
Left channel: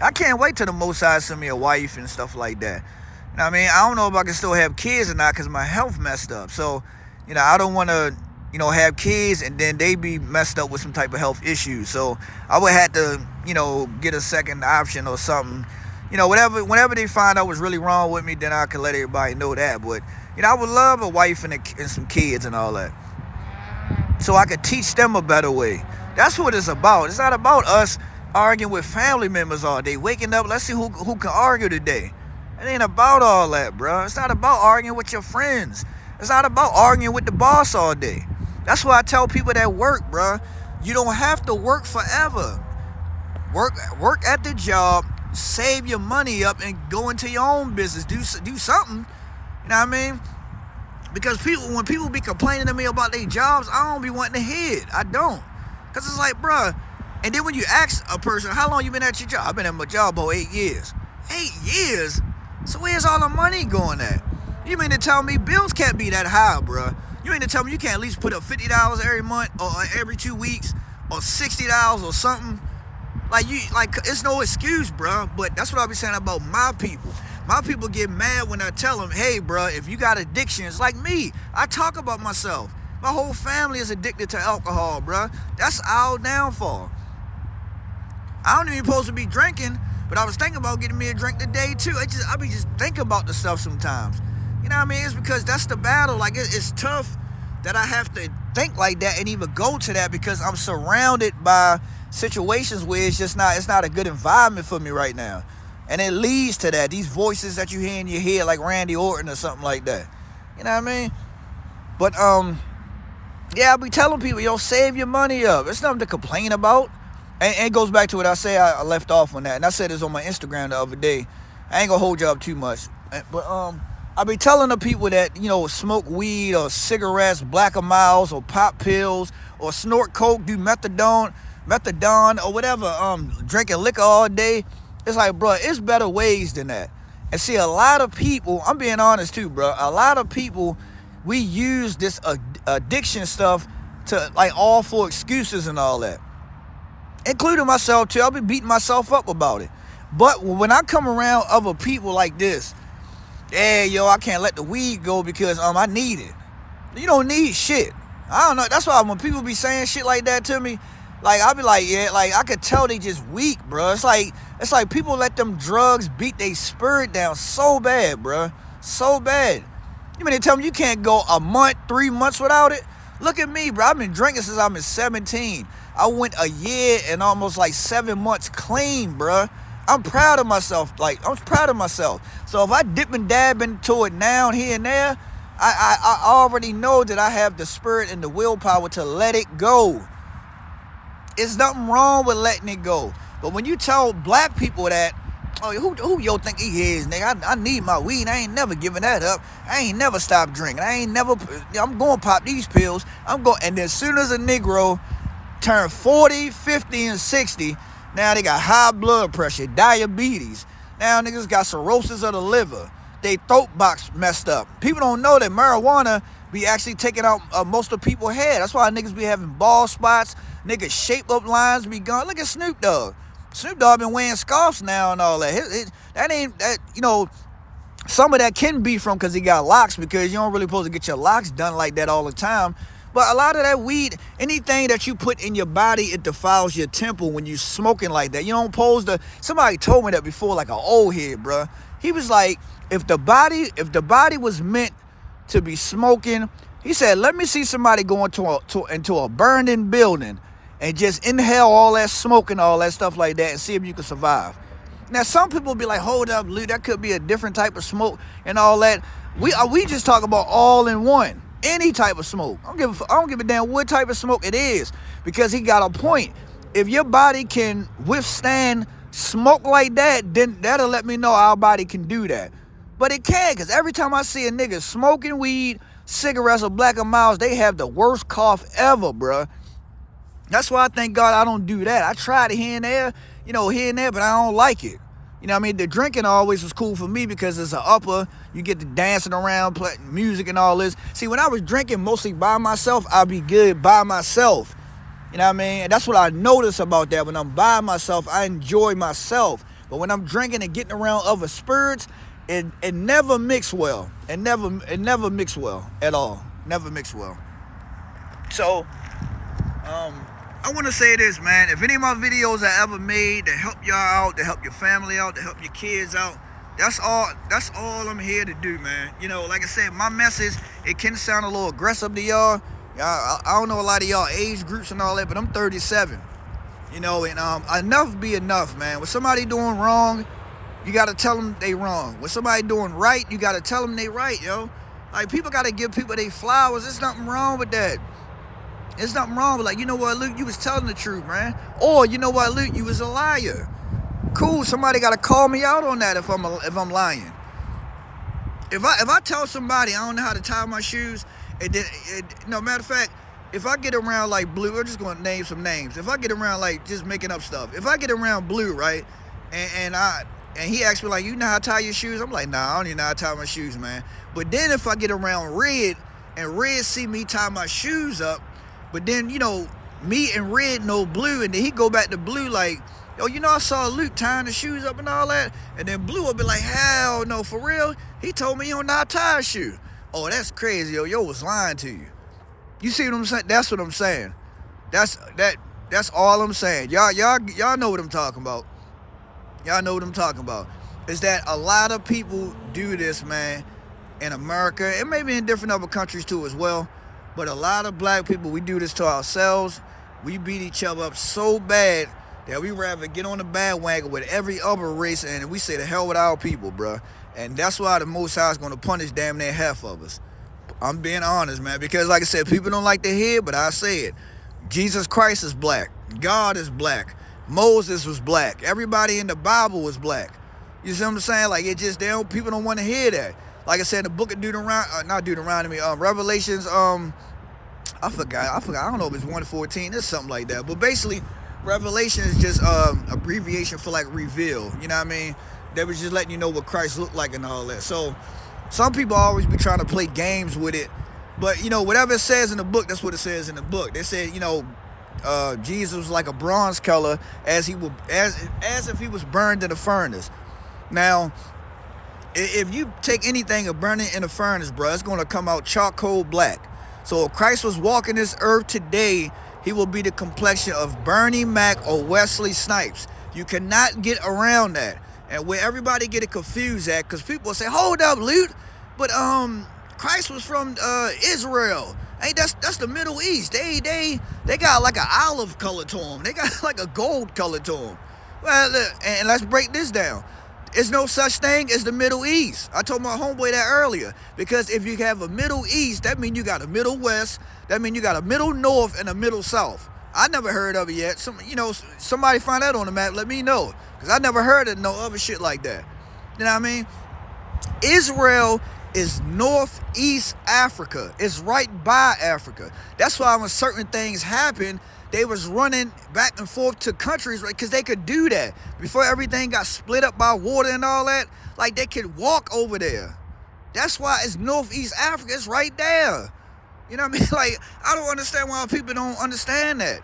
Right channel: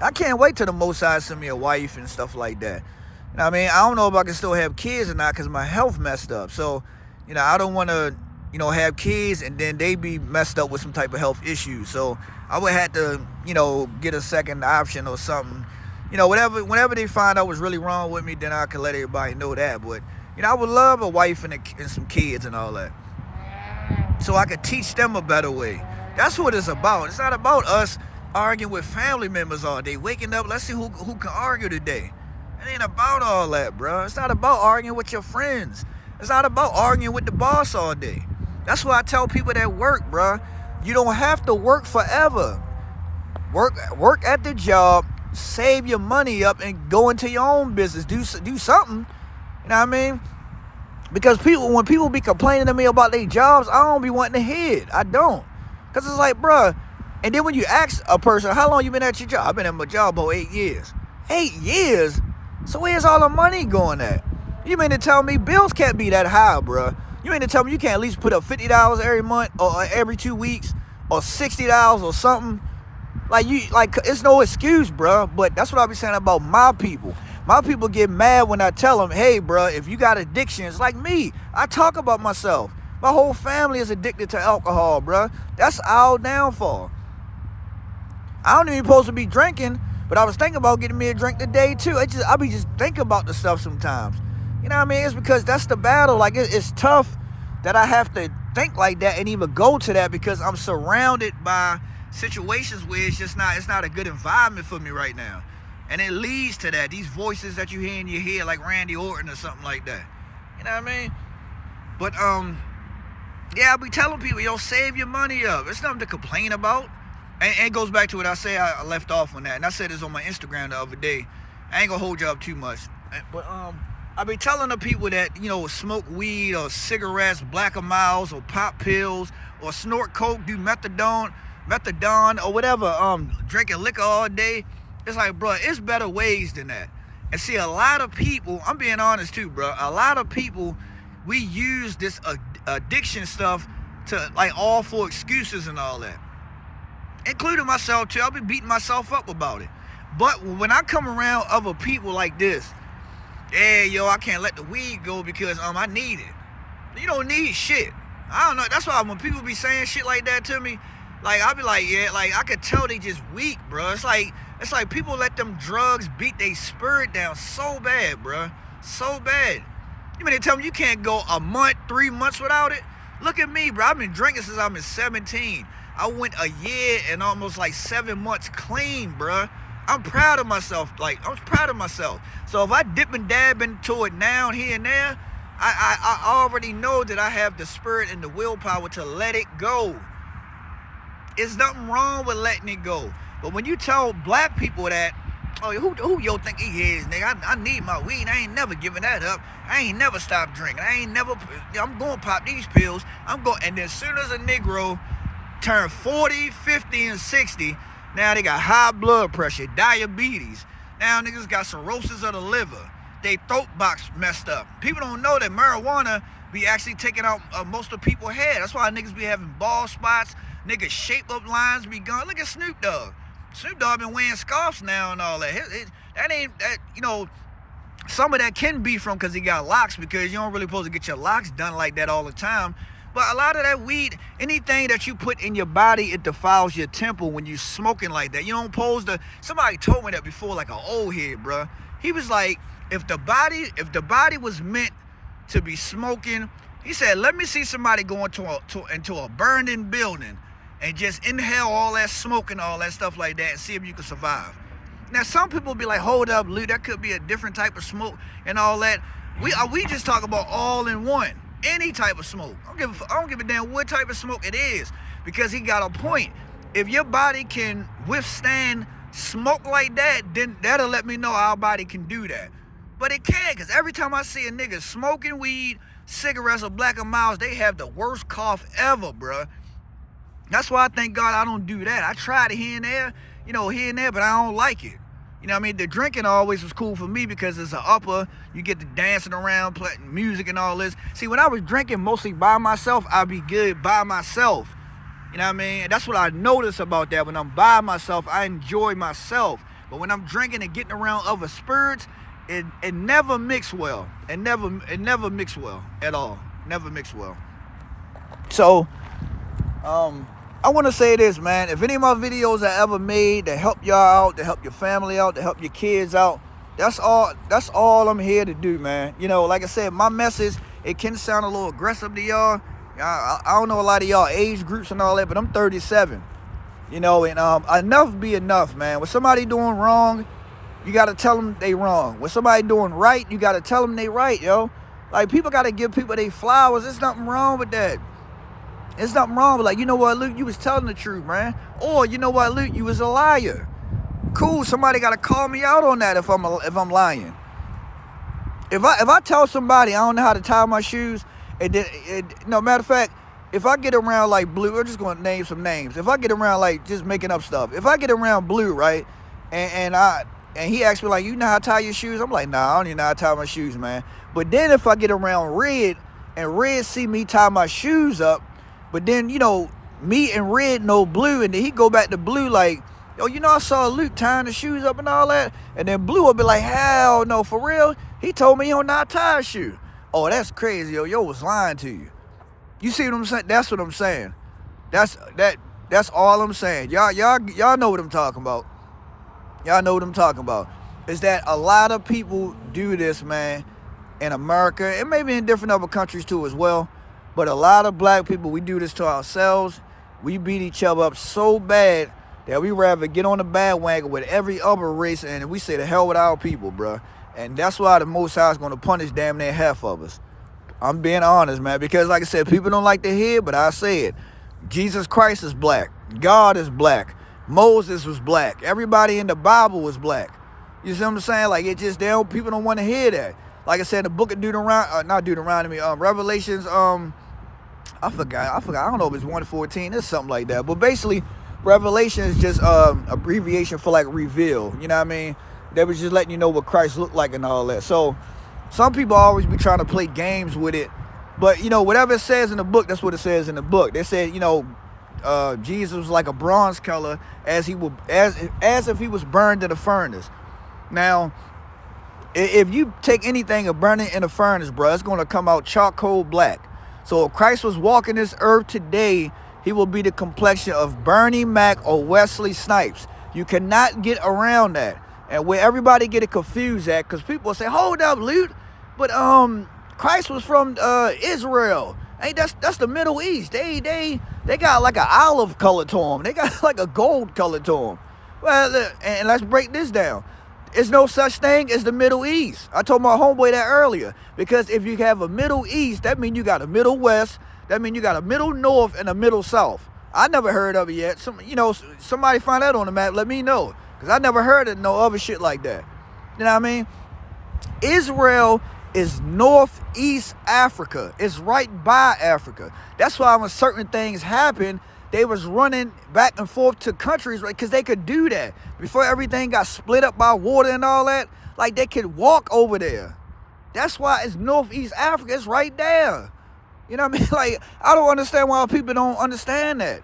I can't wait till the Most High send me a wife and stuff like that. You know what I mean? I don't know if I can still have kids or not because my health messed up. So, I don't want to, have kids and then they be messed up with some type of health issues. So I would have to, get a second option or something. Whenever they find out what's really wrong with me, then I can let everybody know that. But, I would love a wife and some kids and all that, so I could teach them a better way. That's what it's about. It's not about us arguing with family members all day, waking up, let's see who can argue today. It ain't about all that, bro. It's not about arguing with your friends. It's not about arguing with the boss all day. That's why I tell people that work, bro. You don't have to work forever. Work at the job, save your money up, and go into your own business. Do something. You know what I mean? Because when people be complaining to me about their jobs, I don't be wanting to hear it. I don't. Because it's like, bro. And then when you ask a person, how long you been at your job? I've been at my job about 8 years. 8 years? So where's all the money going at? You mean to tell me bills can't be that high, bro? You mean to tell me you can't at least put up $50 every month or every 2 weeks or $60 or something? Like it's no excuse, bro. But that's what I be saying about my people. My people get mad when I tell them, hey, bro, if you got addictions, like me, I talk about myself. My whole family is addicted to alcohol, bro. That's our downfall. I don't even supposed to be drinking, but I was thinking about getting me a drink today, too. I be just thinking about the stuff sometimes. You know what I mean? It's because that's the battle. Like, it's tough that I have to think like that and even go to that because I'm surrounded by situations where it's not a good environment for me right now. And it leads to that. These voices that you hear in your head, like Randy Orton or something like that. You know what I mean? But, yeah, I be telling people, save your money up. It's nothing to complain about. And it goes back to what I say. I left off on that. And I said this on my Instagram the other day. I ain't gonna hold you up too much. But, I be telling the people that, smoke weed or cigarettes, Black Miles or pop pills or snort coke, do methadone or whatever, drinking liquor all day. It's like, bro, it's better ways than that. And see, a lot of people, I'm being honest too, bro. A lot of people, we use this addiction stuff to, like, all for excuses and all that. including myself too. I'll be beating myself up about it. But when I come around other people like this, hey, yo, I can't let the weed go because I need it. You don't need shit. I don't know. That's why when people be saying shit like that to me, like, I'll be like, yeah, like, I could tell they just weak, bro. It's like people let them drugs beat their spirit down so bad, bro. So bad. You mean to tell me you can't go a month, 3 months without it? Look at me, bro. I've been drinking since I was 17. I went a year and almost like 7 months clean, bro. I'm proud of myself. Like, I'm proud of myself. So if I dip and dab into it now, here and there, I already know that I have the spirit and the willpower to let it go. There's nothing wrong with letting it go. But when you tell black people that, oh, who yo think he is, nigga? I need my weed. I ain't never giving that up. I ain't never stopped drinking. I'm going to pop these pills. And then as soon as a Negro turn 40, 50, and 60, now they got high blood pressure, diabetes. Now niggas got cirrhosis of the liver. They throat box messed up. People don't know that marijuana be actually taking out most of people's hair. That's why niggas be having bald spots. Niggas shape up lines be gone. Look at Snoop Dogg. Snoop Dogg been wearing scarves now and all that. Some of that can be from because he got locks, because you don't really supposed to get your locks done like that all the time. But a lot of that weed, anything that you put in your body, it defiles your temple when you smoking like that. You don't pose somebody told me that before, like an old head, bro. He was like, if the body was meant to be smoking, he said, let me see somebody go into a burning building and just inhale all that smoke and all that stuff like that and see if you can survive. Now, some people be like, hold up, Lute, that could be a different type of smoke and all that. We just talk about all in one, any type of smoke. I don't give a damn what type of smoke it is, because he got a point. If your body can withstand smoke like that, then that'll let me know our body can do that. But it can't, because every time I see a nigga smoking weed, cigarettes, or Black & Milds, they have the worst cough ever, bruh. That's why I thank God I don't do that. I tried it here and there, but I don't like it. You know what I mean? The drinking always was cool for me because it's an upper. You get to dancing around, playing music and all this. See, when I was drinking mostly by myself, I'd be good by myself. You know what I mean? And that's what I notice about that. When I'm by myself, I enjoy myself. But when I'm drinking and getting around other spirits, it never mix well. It never mix well at all. Never mix well. So, I want to say this, man. If any of my videos I ever made that help y'all out, to help your family out, to help your kids out, that's all I'm here to do, man. Like I said, my message, it can sound a little aggressive to y'all. I don't know a lot of y'all age groups and all that, but I'm 37. And enough be enough, man. When somebody doing wrong, you got to tell them they wrong. When somebody doing right, you got to tell them they right, yo. Like, people got to give people their flowers. There's nothing wrong with that. There's nothing wrong with, like, you know what, Luke, you was telling the truth, man. Or, you know what, Luke, you was a liar. Cool, somebody got to call me out on that if I'm lying. If I tell somebody I don't know how to tie my shoes, matter of fact, if I get around like Blue, we're just going to name some names. If I get around, like, just making up stuff. If I get around Blue, right, and he asks me, like, you know how to tie your shoes? I'm like, nah, I don't even know how to tie my shoes, man. But then if I get around Red, and Red see me tie my shoes up, but then, me and Red know Blue, and then he go back to Blue like, yo, I saw Luke tying the shoes up and all that. And then Blue will be like, hell no, for real? He told me he don't know how to tie a shoe. Oh, that's crazy, yo was lying to you. You see what I'm saying? That's what I'm saying. That's all I'm saying. Y'all know what I'm talking about. Y'all know what I'm talking about. Is that a lot of people do this, man, in America, and maybe in different other countries too as well. But a lot of black people, we do this to ourselves. We beat each other up so bad that we rather get on the bandwagon with every other race, and we say the hell with our people, bro. And that's why the Most High is going to punish damn near half of us. I'm being honest, man, because like I said, people don't like to hear, but I say it. Jesus Christ is black. God is black. Moses was black. Everybody in the Bible was black. You see what I'm saying? Like, people don't want to hear that. Like I said, the book of Revelations, I forgot. I don't know if it's 1:14. It's something like that. But basically, Revelation is just abbreviation for, like, reveal. You know what I mean? They was just letting you know what Christ looked like and all that. So some people always be trying to play games with it. But, whatever it says in the book, that's what it says in the book. They said, Jesus was like a bronze color as if he was burned in a furnace. Now, if you take anything and burn it in a furnace, bro, it's going to come out charcoal black. So if Christ was walking this earth today, he will be the complexion of Bernie Mac or Wesley Snipes. You cannot get around that. And where everybody get it confused at, because people say, hold up, Lute, but Christ was from Israel. Hey, that's the Middle East. They got like an olive color to them. They got like a gold color to them. Well, and let's break this down. There's no such thing as the Middle East. I told my homeboy that earlier. Because if you have a Middle East, that means you got a Middle West. That means you got a Middle North and a Middle South. I never heard of it yet. Somebody find that on the map. Let me know. Because I never heard of no other shit like that. You know what I mean? Israel is Northeast Africa. It's right by Africa. That's why when certain things happen, they was running back and forth to countries, right? Because they could do that. Before everything got split up by water and all that, like they could walk over there. That's why it's Northeast Africa. It's right there. You know what I mean? Like, I don't understand why people don't understand that.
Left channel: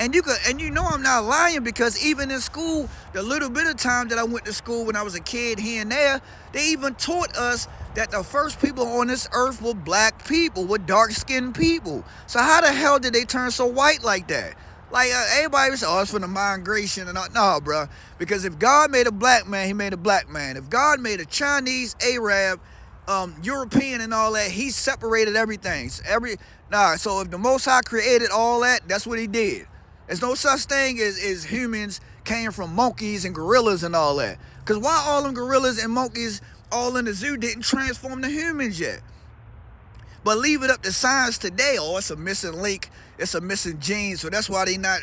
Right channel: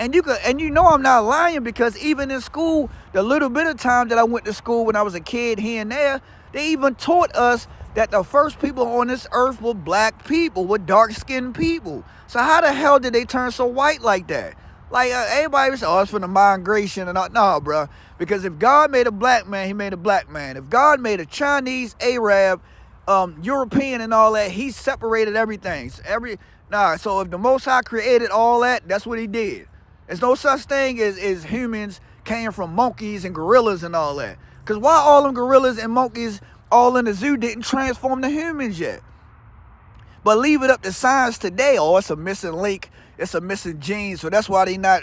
And you know I'm not lying, because even in school, the little bit of time that I went to school when I was a kid here and there, they even taught us that the first people on this earth were black people, were dark-skinned people. So how the hell did they turn so white like that? Like, everybody was, it's from the migration and all. No, bro. Because if God made a black man, he made a black man. If God made a Chinese, Arab, European and all that, he separated everything. So if the Most High created all that, that's what he did. There's no such thing as humans came from monkeys and gorillas and all that. Because why all them gorillas and monkeys all in the zoo didn't transform to humans yet? But leave it up to science today. Oh, it's a missing link. It's a missing gene. So that's why they not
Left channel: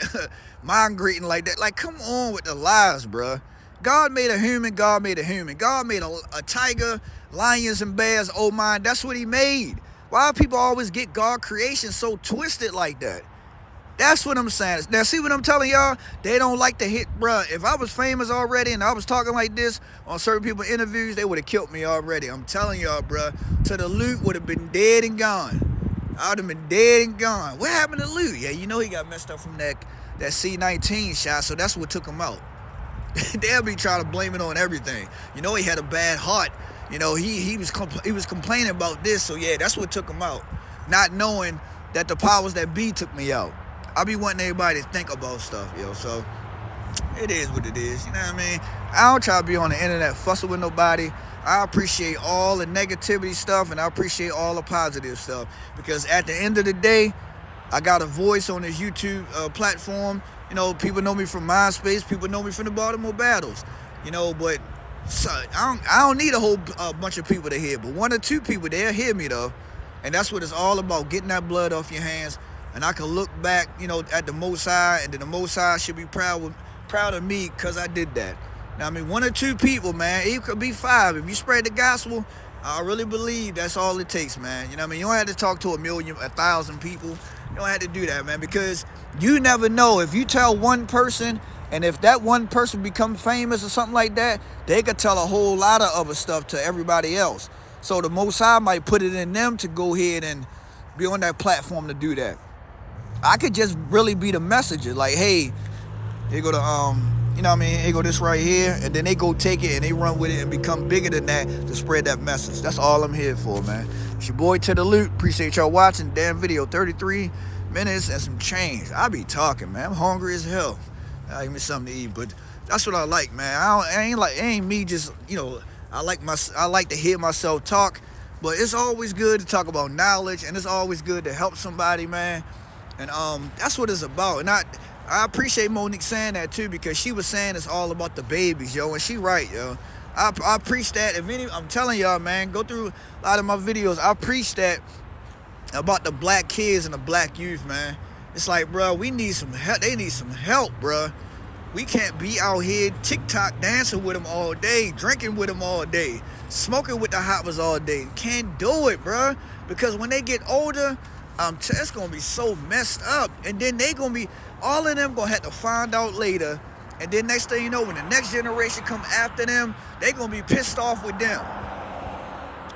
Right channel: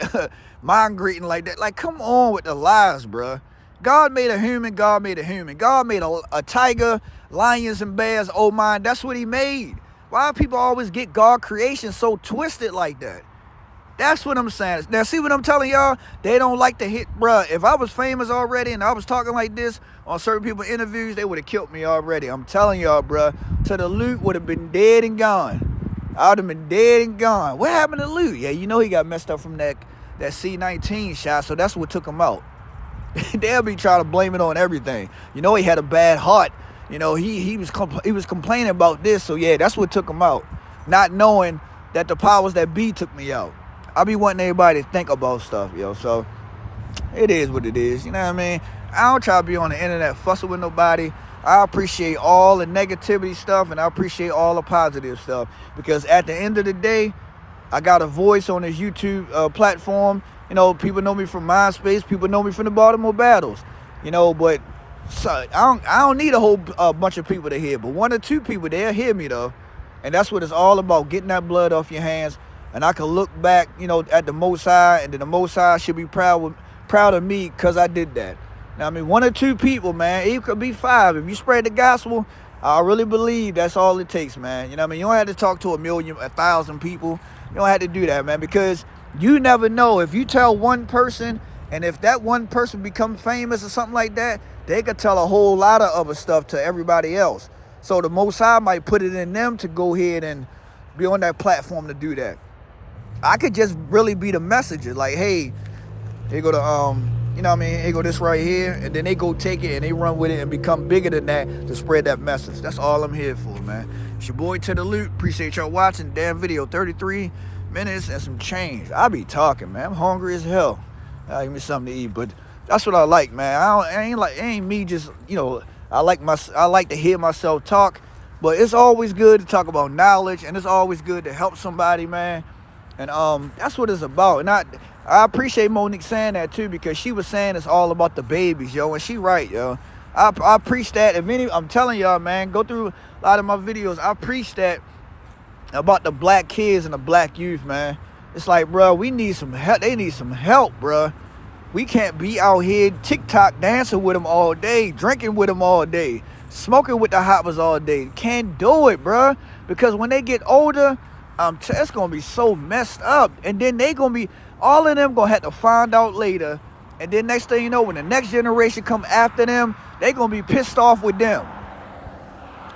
migrating like that. Like, come on with the lies, bruh. God made a human. God made a human. God made a tiger, lions and bears. Oh, my. That's what he made. Why do people always get God creation so twisted like that? That's what I'm saying. Now, see what I'm telling y'all? They don't like to hit, bruh. If I was famous already and I was talking like this on certain people's interviews, they would have killed me already. I'm telling y'all, bruh. Todalute would have been dead and gone. I would have been dead and gone. What happened to Lute? Yeah, you know he got messed up from that C-19 shot, so that's what took him out. They'll be trying to blame it on everything. You know he had a bad heart. You know, he was complaining about this, so yeah, that's what took him out. Not knowing that the powers that be took me out. I be wanting everybody to think about stuff, yo. So it is what it is. You know what I mean? I don't try to be on the internet fussing with nobody. I appreciate all the negativity stuff, and I appreciate all the positive stuff, because at the end of the day, I got a voice on this YouTube platform. You know, people know me from MySpace. People know me from the Baltimore Battles. You know, but I don't need a whole bunch of people to hear, but one or two people, they'll hear me though. And that's what it's all about, getting that blood off your hands. And I can look back, you know, at the Most High, and then the Most High should be proud of me because I did that. Now, I mean, one or two people, man, it could be 5. If you spread the gospel, I really believe that's all it takes, man. You know what I mean? You don't have to talk to 1,000 people. You don't have to do that, man, because you never know. If you tell one person, and if that one person becomes famous or something like that, they could tell a whole lot of other stuff to everybody else. So the Most High might put it in them to go ahead and be on that platform to do that. I could just really be the messenger. Like, hey, here go you know what I mean? Here go this right here. And then they go take it and they run with it and become bigger than that to spread that message. That's all I'm here for, man. It's your boy Todalute. Appreciate y'all watching. Damn video, 33 minutes and some change. I be talking, man. I'm hungry as hell. Give me something to eat. But that's what I like, man. It ain't me just, you know, I like to hear myself talk. But it's always good to talk about knowledge, and it's always good to help somebody, man. And that's what it's about. And I appreciate Monique saying that too, because she was saying it's all about the babies, yo, and she right, yo. I preach that. I'm telling y'all, man, go through a lot of my videos. I preach that about the black kids and the black youth, man. It's like, bro, we need some help. They need some help, bro. We can't be out here TikTok dancing with them all day, drinking with them all day, smoking with the hoppers all day. Can't do it, bro, because when they get older, it's gonna be so messed up, and then all of them gonna have to find out later, and then next thing you know, when the next generation come after them, they gonna be pissed off with them,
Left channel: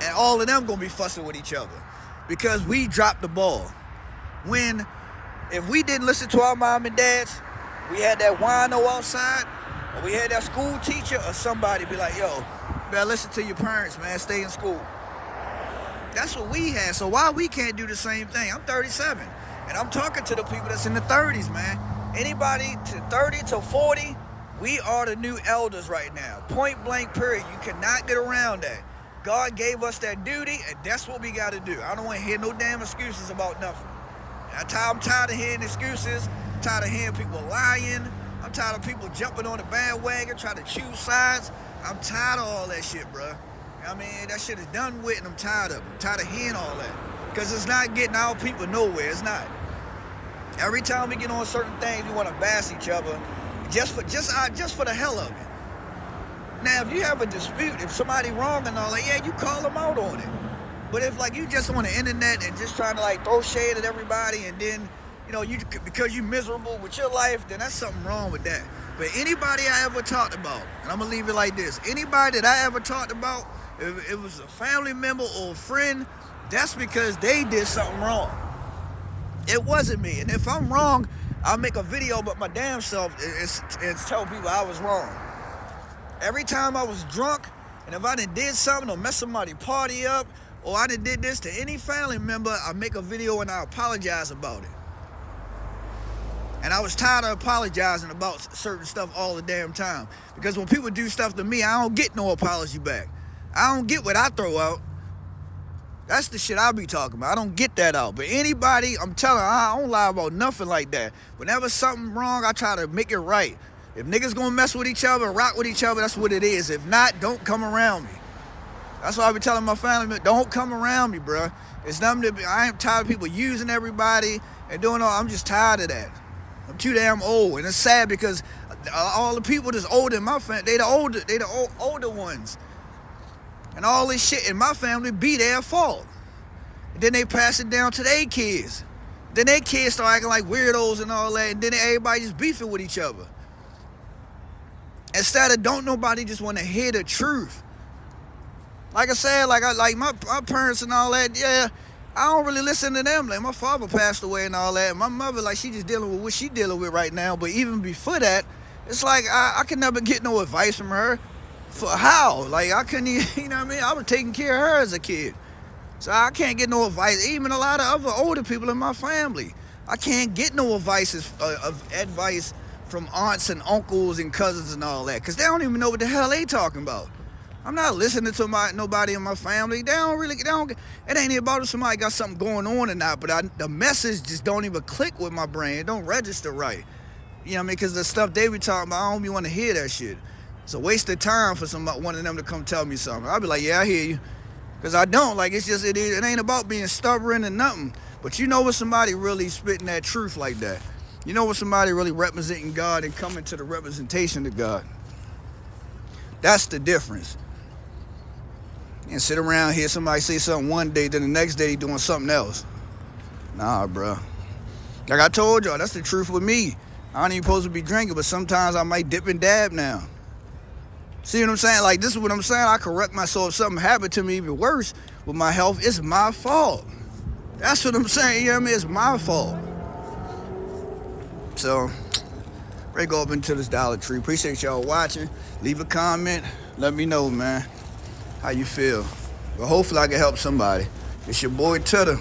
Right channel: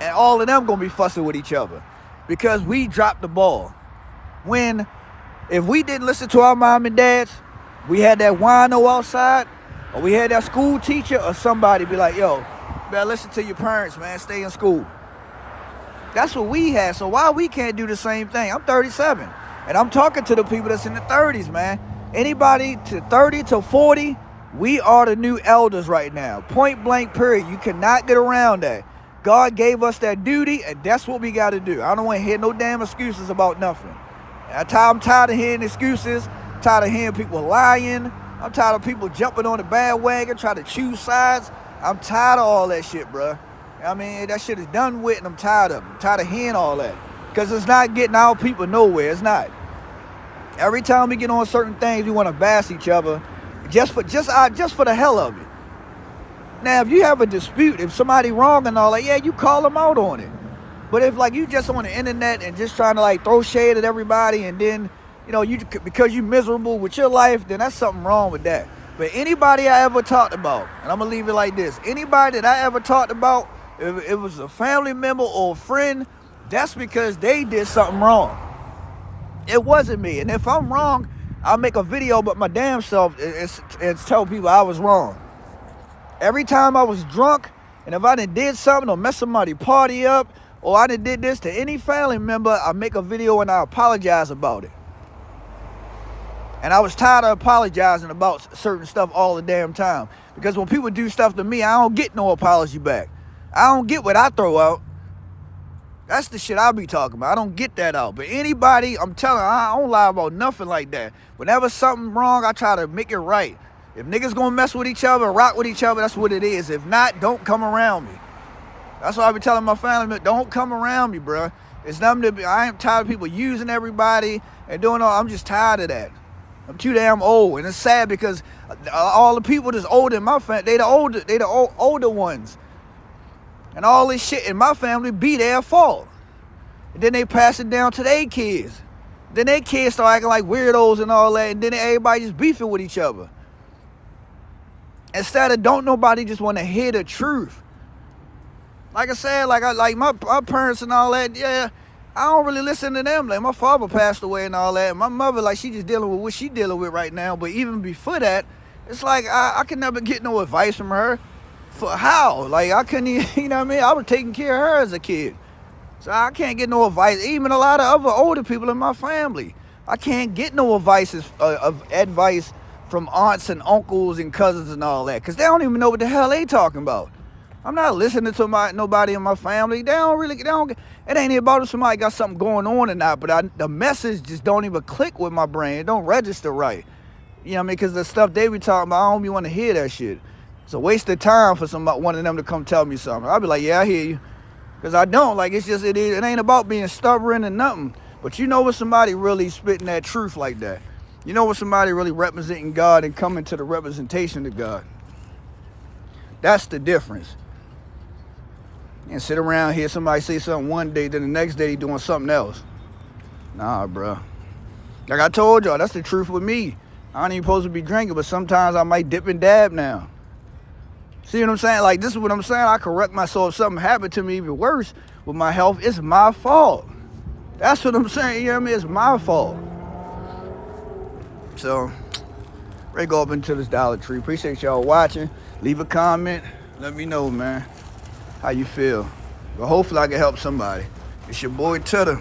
and all of them gonna be fussing with each other because we dropped the ball. When If we didn't listen to our mom and dads, we had that wino outside, or we had that school teacher, or somebody be like, yo, you better listen to your parents, man, stay in school. That's what we had. So why we can't do the same thing? I'm 37, and I'm talking to the people that's in the 30s, man. Anybody to 30 to 40, we are the new elders right now. Point blank, period. You cannot get around that. God gave us that duty, and that's what we got to do. I don't want to hear no damn excuses about nothing. I'm tired of hearing excuses. I'm tired of hearing people lying. I'm tired of people jumping on the bandwagon, trying to choose sides. I'm tired of all that shit, bro. I mean, that shit is done with, and I'm tired of it. I'm tired of hearing all that. Because it's not getting our people nowhere. It's not. Every time we get on certain things, we want to bash each other just for the hell of it. Now, if you have a dispute, if somebody wrong and all that, yeah, you call them out on it. But if like you just on the internet and just trying to like throw shade at everybody, and then because you miserable with your life, then that's something wrong with that. But anybody I ever talked about, and I'm gonna leave it like this: anybody that I ever talked about, if it was a family member or a friend, that's because they did something wrong. It wasn't me. And if I'm wrong, I'll make a video about my damn self and tell people I was wrong. Every time I was drunk, and if I did something or messed somebody's party up, or I did this to any family member, I make a video and I apologize about it. And I was tired of apologizing about certain stuff all the damn time. Because when people do stuff to me, I don't get no apology back. I don't get what I throw out. That's the shit I be talking about. I don't get that out. But anybody, I'm telling you, I don't lie about nothing like that. Whenever something wrong, I try to make it right. If niggas gonna mess with each other, rock with each other, that's what it is. If not, don't come around me. That's why I be telling my family, don't come around me, bro. It's nothing to be. I ain't tired of people using everybody and doing all. I'm just tired of that. I'm too damn old, and it's sad because all the people that's older in my family, they the older ones, and all this shit in my family be their fault. And then they pass it down to their kids. Then their kids start acting like weirdos and all that, and then everybody just beefing with each other. Instead of don't nobody just want to hear the truth. Like I said, like my parents and all that, yeah, I don't really listen to them. Like my father passed away and all that. And my mother, like she just dealing with what she dealing with right now. But even before that, it's like I could never get no advice from her. For how? Like I couldn't even, you know what I mean? I was taking care of her as a kid. So I can't get no advice. Even a lot of other older people in my family, I can't get no advice from aunts and uncles and cousins and all that. Because they don't even know what the hell they talking about. I'm not listening to nobody in my family. It ain't about if somebody got something going on or not, but the message just don't even click with my brain. It don't register right. You know what I mean? Because the stuff they be talking about, I don't even want to hear that shit. It's a waste of time for one of them to come tell me something. I'll be like, yeah, I hear you. Because I don't. Like, it ain't about being stubborn and nothing. But you know when somebody really spitting that truth like that. You know when somebody really representing God and coming to the representation of God. That's the difference. And sit around here, somebody say something one day, then the next day doing something else. Nah, bro. Like I told y'all, that's the truth with me. I ain't even supposed to be drinking, but sometimes I might dip and dab now. See what I'm saying? Like, this is what I'm saying. I correct myself. If something happened to me even worse with my health, it's my fault. That's what I'm saying. You know what I mean? It's my fault. So, ready to go up into this Dollar Tree. Appreciate y'all watching. Leave a comment. Let me know, man, how you feel. But hopefully I can help somebody. It's your boy Tudor.